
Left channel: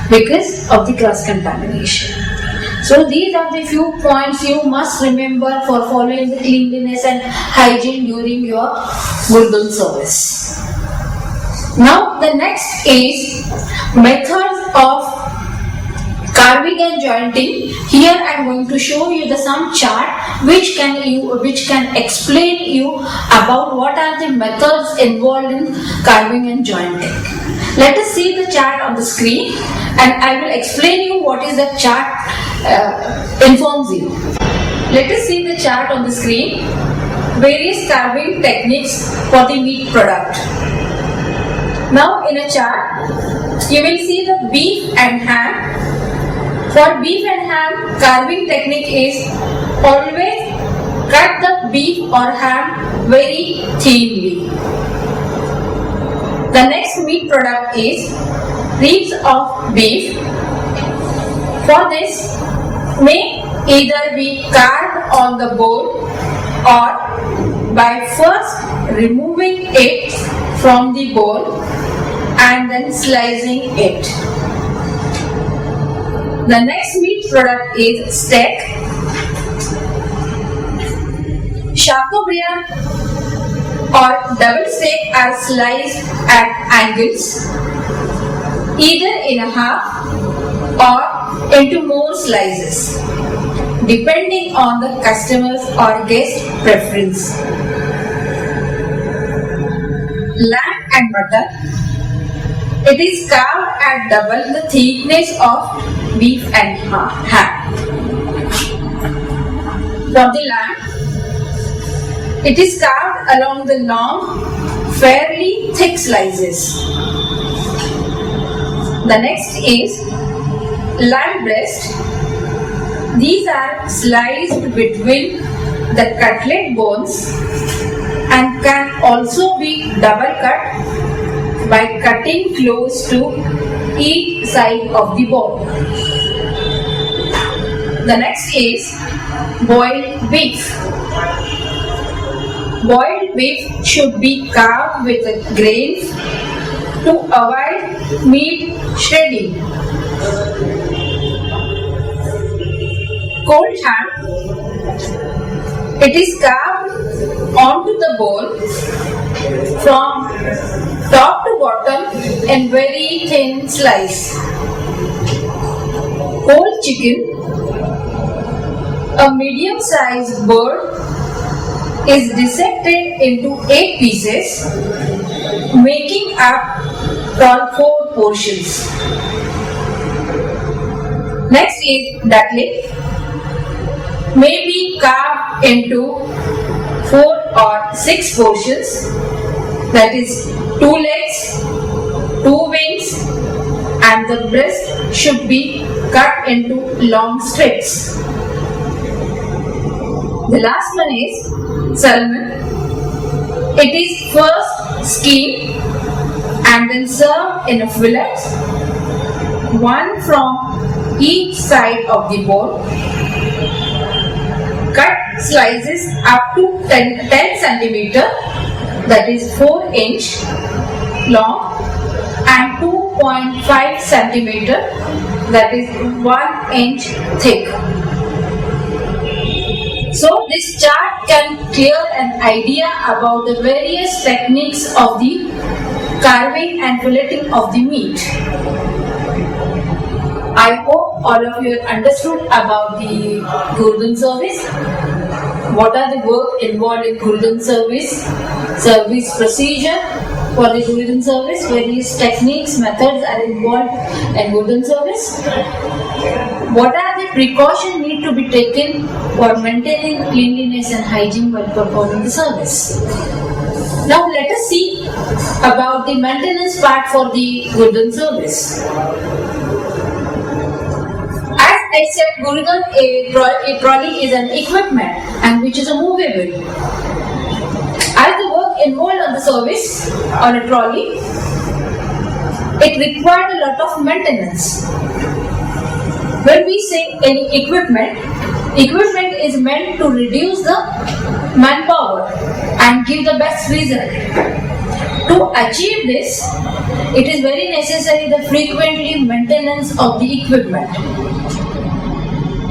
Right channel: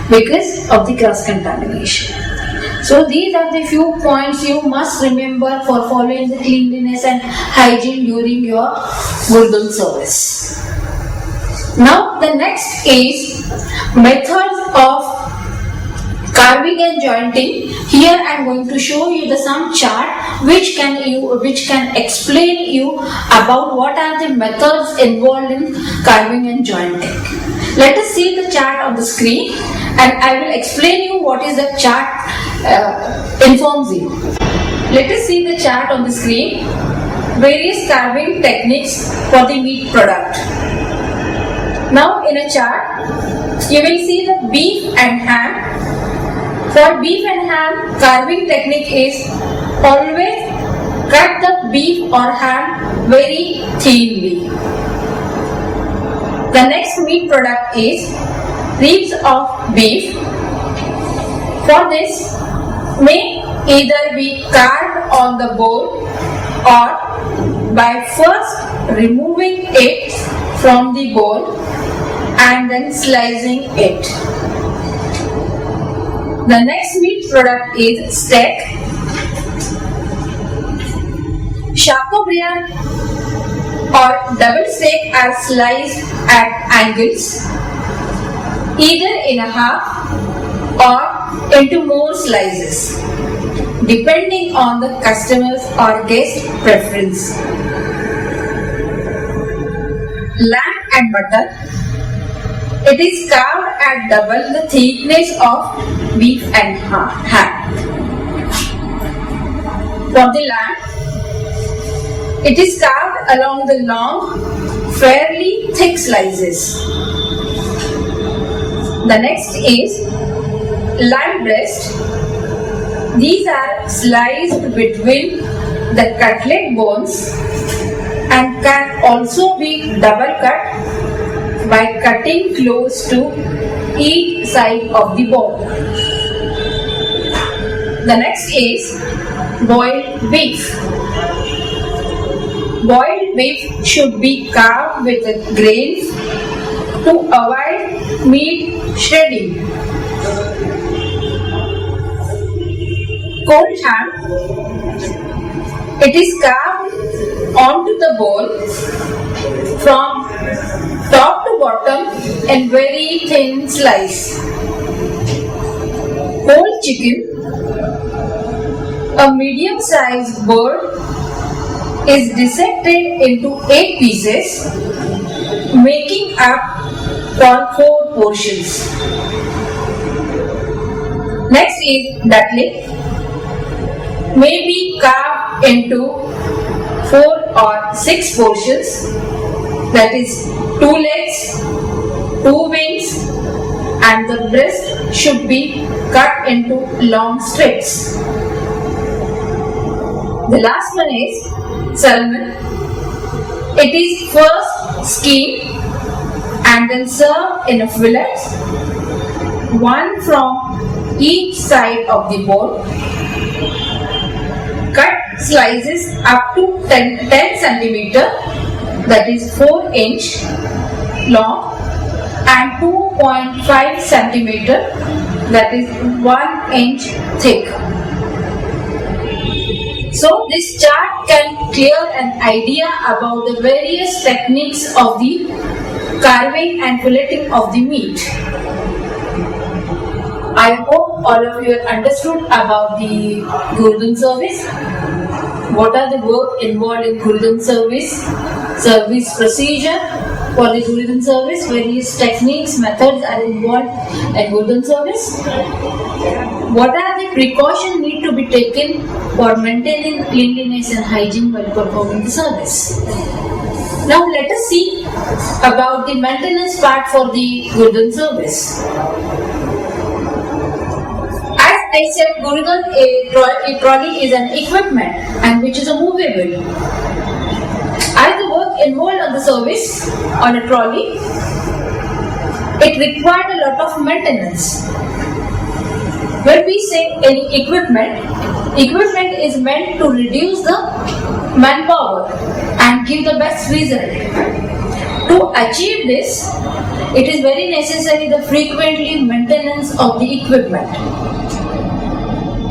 because of the cross contamination. So these are the few points you must remember for following the cleanliness and hygiene during your Gurudhan service. Now the next is methods of carving and jointing. Here I am going to show you some chart which can explain you about what are the methods involved in carving and jointing. Let us see the chart on the screen, and I will explain you what is the chart informs you. Let us see the chart on the screen. Various carving techniques for the meat product. Now in a chart, you will see the beef and ham. For beef and ham, carving technique is always cut the beef or ham very thinly. The next meat product is ribs of beef. For this, may either be carved on the bone or by first removing it from the bone and then slicing it. The next meat product is steak. Chateaubriand or double steak are sliced at angles, either in a half or into more slices, depending on the customer's or guest preference. Lamb and mutton. It is carved at double the thickness of beef and ham. For the lamb, it is carved along the long, fairly thick slices. The next is lamb breast. These are sliced between the cutlet bones and can also be double cut by cutting close to each side of the bone. The next is boiled beef. Boiled beef should be carved with the grains to avoid meat shredding. Cold ham. It is carved onto the bone from top to bottom in very thin slice. Whole chicken. A medium-sized bird is dissected into 8 pieces, making up 4 portions. Next is duckling. May be carved into 4 or 6 portions, that is 2 legs, 2 wings, and the breast should be cut into long strips. The last one is salmon. It is first skinned and then served in fillets, one from each side of the bone. Cut slices up to 10 cm, that is 4 inch long, and 2.5 cm, that is 1 inch thick. So this chart can clear an idea about the various techniques of the carving and filleting of the meat. I hope all of you have understood about the Gurudhan service. What are the work involved in Gurudhan service procedure, for the Gurudhan service. Various techniques, methods are involved in Gurudhan service. What are the precautions need to be taken for maintaining cleanliness and hygiene while performing the service? Now let us see about the maintenance part for the Gurudhan service. As I said, Gurudhan, a trolley is an equipment and which is a movable. As the work involved on the service on a trolley, it required a lot of maintenance. When we say any equipment is meant to reduce the manpower and give the best result. To achieve this, it is very necessary the frequently maintenance of the equipment.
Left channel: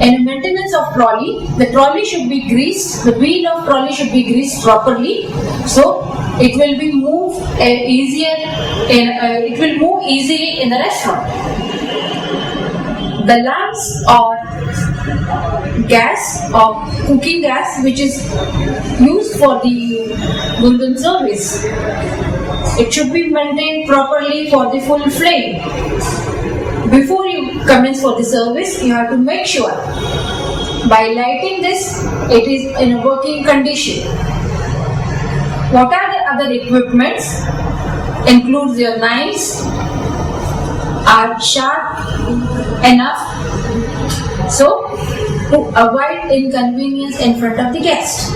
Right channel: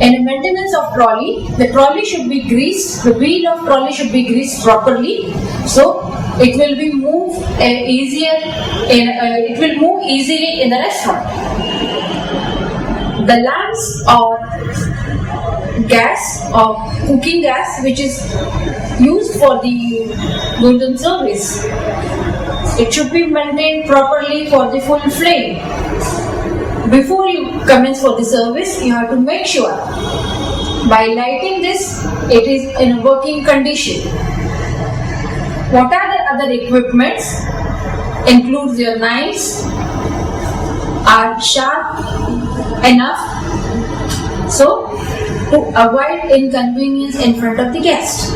In maintenance of trolley, the trolley should be greased, the wheel of trolley should be greased properly, so it will be moved it will move easily in the restaurant. The lamps or gas or cooking gas which is used for the Gurudhan service, it should be maintained properly for the full flame. Before you commence for the service, you have to make sure by lighting this, it is in a working condition. What are the other equipments? Includes your knives are sharp enough so to avoid inconvenience in front of the guest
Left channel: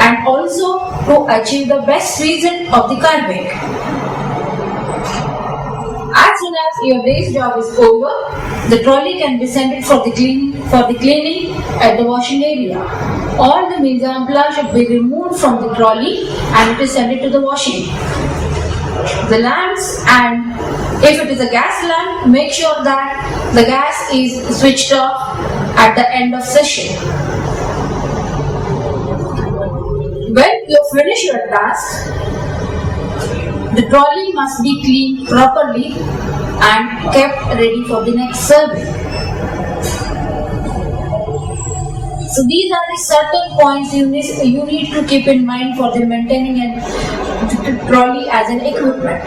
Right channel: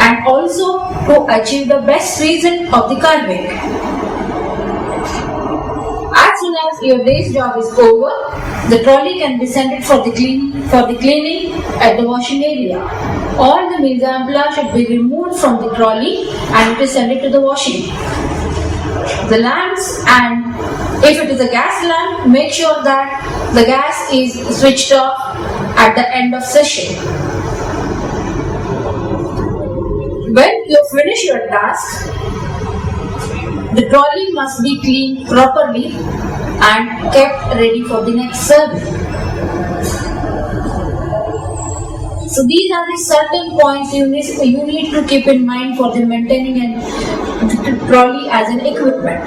and also to achieve the best result of the carving. As soon as your day's job is over, the trolley can be sent for the cleaning at the washing area. All the mise en place should be removed from the trolley and it is sent to the washing. The lamps, and if it is a gas lamp, make sure that the gas is switched off at the end of session. When you finish your task, the trolley must be cleaned properly and kept ready for the next serving. So these are the certain points you need to keep in mind for the maintaining the trolley as an equipment.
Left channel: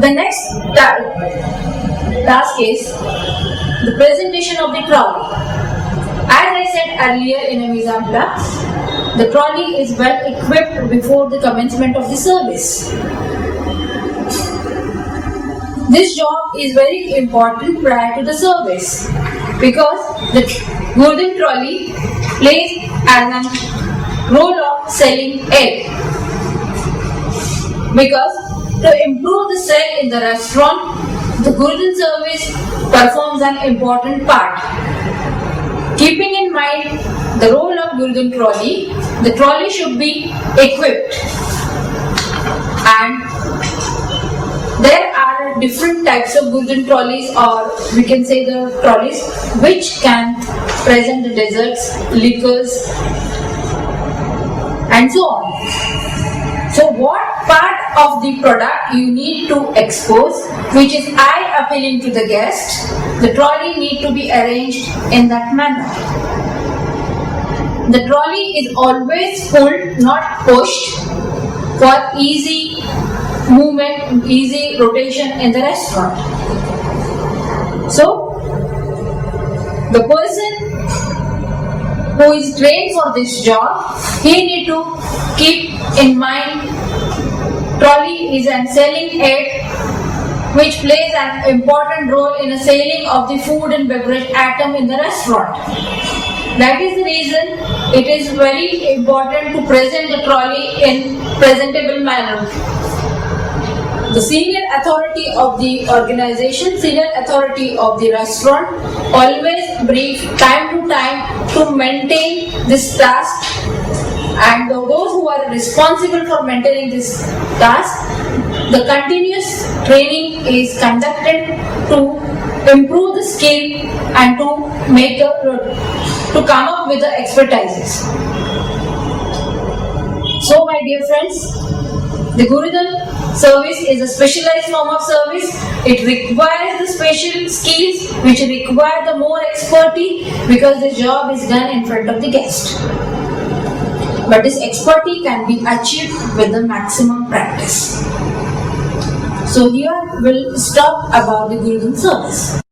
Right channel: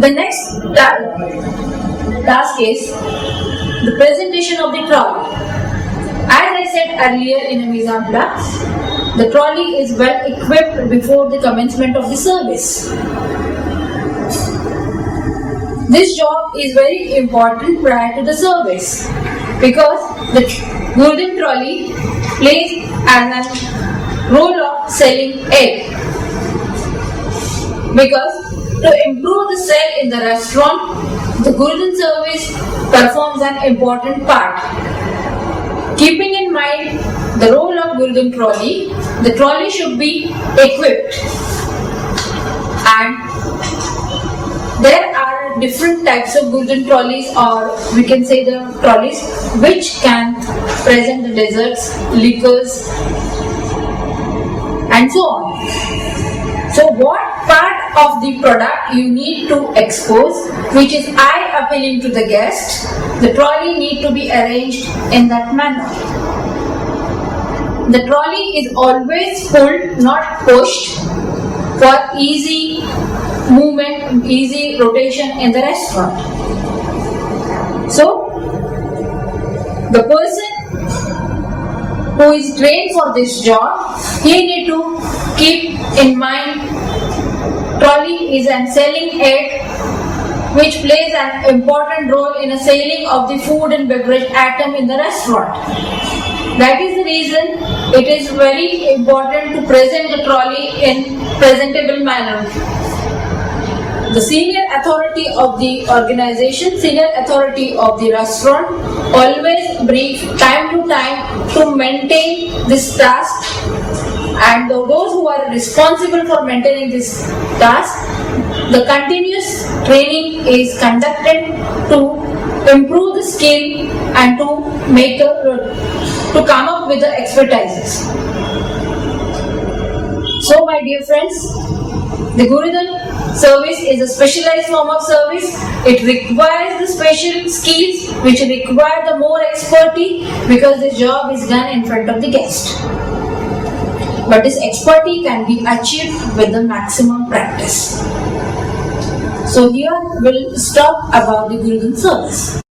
The next task is the presentation of the trolley. As I said earlier in a mise en place, the trolley is well equipped before the commencement of the service. This job is very important prior to the service because the Gurudhan trolley plays as a role of selling egg. Because to improve the sale in the restaurant, the Gurudhan service performs an important part. Keeping in mind the role of Gurudhan trolley, the trolley should be equipped, and there are different types of Gurudhan trolleys, or we can say the trolleys which can present the desserts, liquors and so on. So what part of the product you need to expose which is eye appealing to the guest, the trolley need to be arranged in that manner. The trolley is always pulled, not pushed, for easy movement, easy rotation in the restaurant. So, the person who is trained for this job, he need to keep in mind trolley is an selling aid which plays an important role in the selling of the food and beverage item in the restaurant. That is the reason it is very important to present the trolley in presentable manner. The senior authority of the organization, senior authority of the restaurant always brief time to time to maintain this task, and those who are responsible for maintaining this task, the continuous training is conducted to improve the skill and to come up with the expertises. So my dear friends, the Gurudhan service is a specialized form of service. It requires the special skills which require the more expertise because the job is done in front of the guest. but this expertise can be achieved with the maximum practice. So here we'll stop about the Gurudhan service.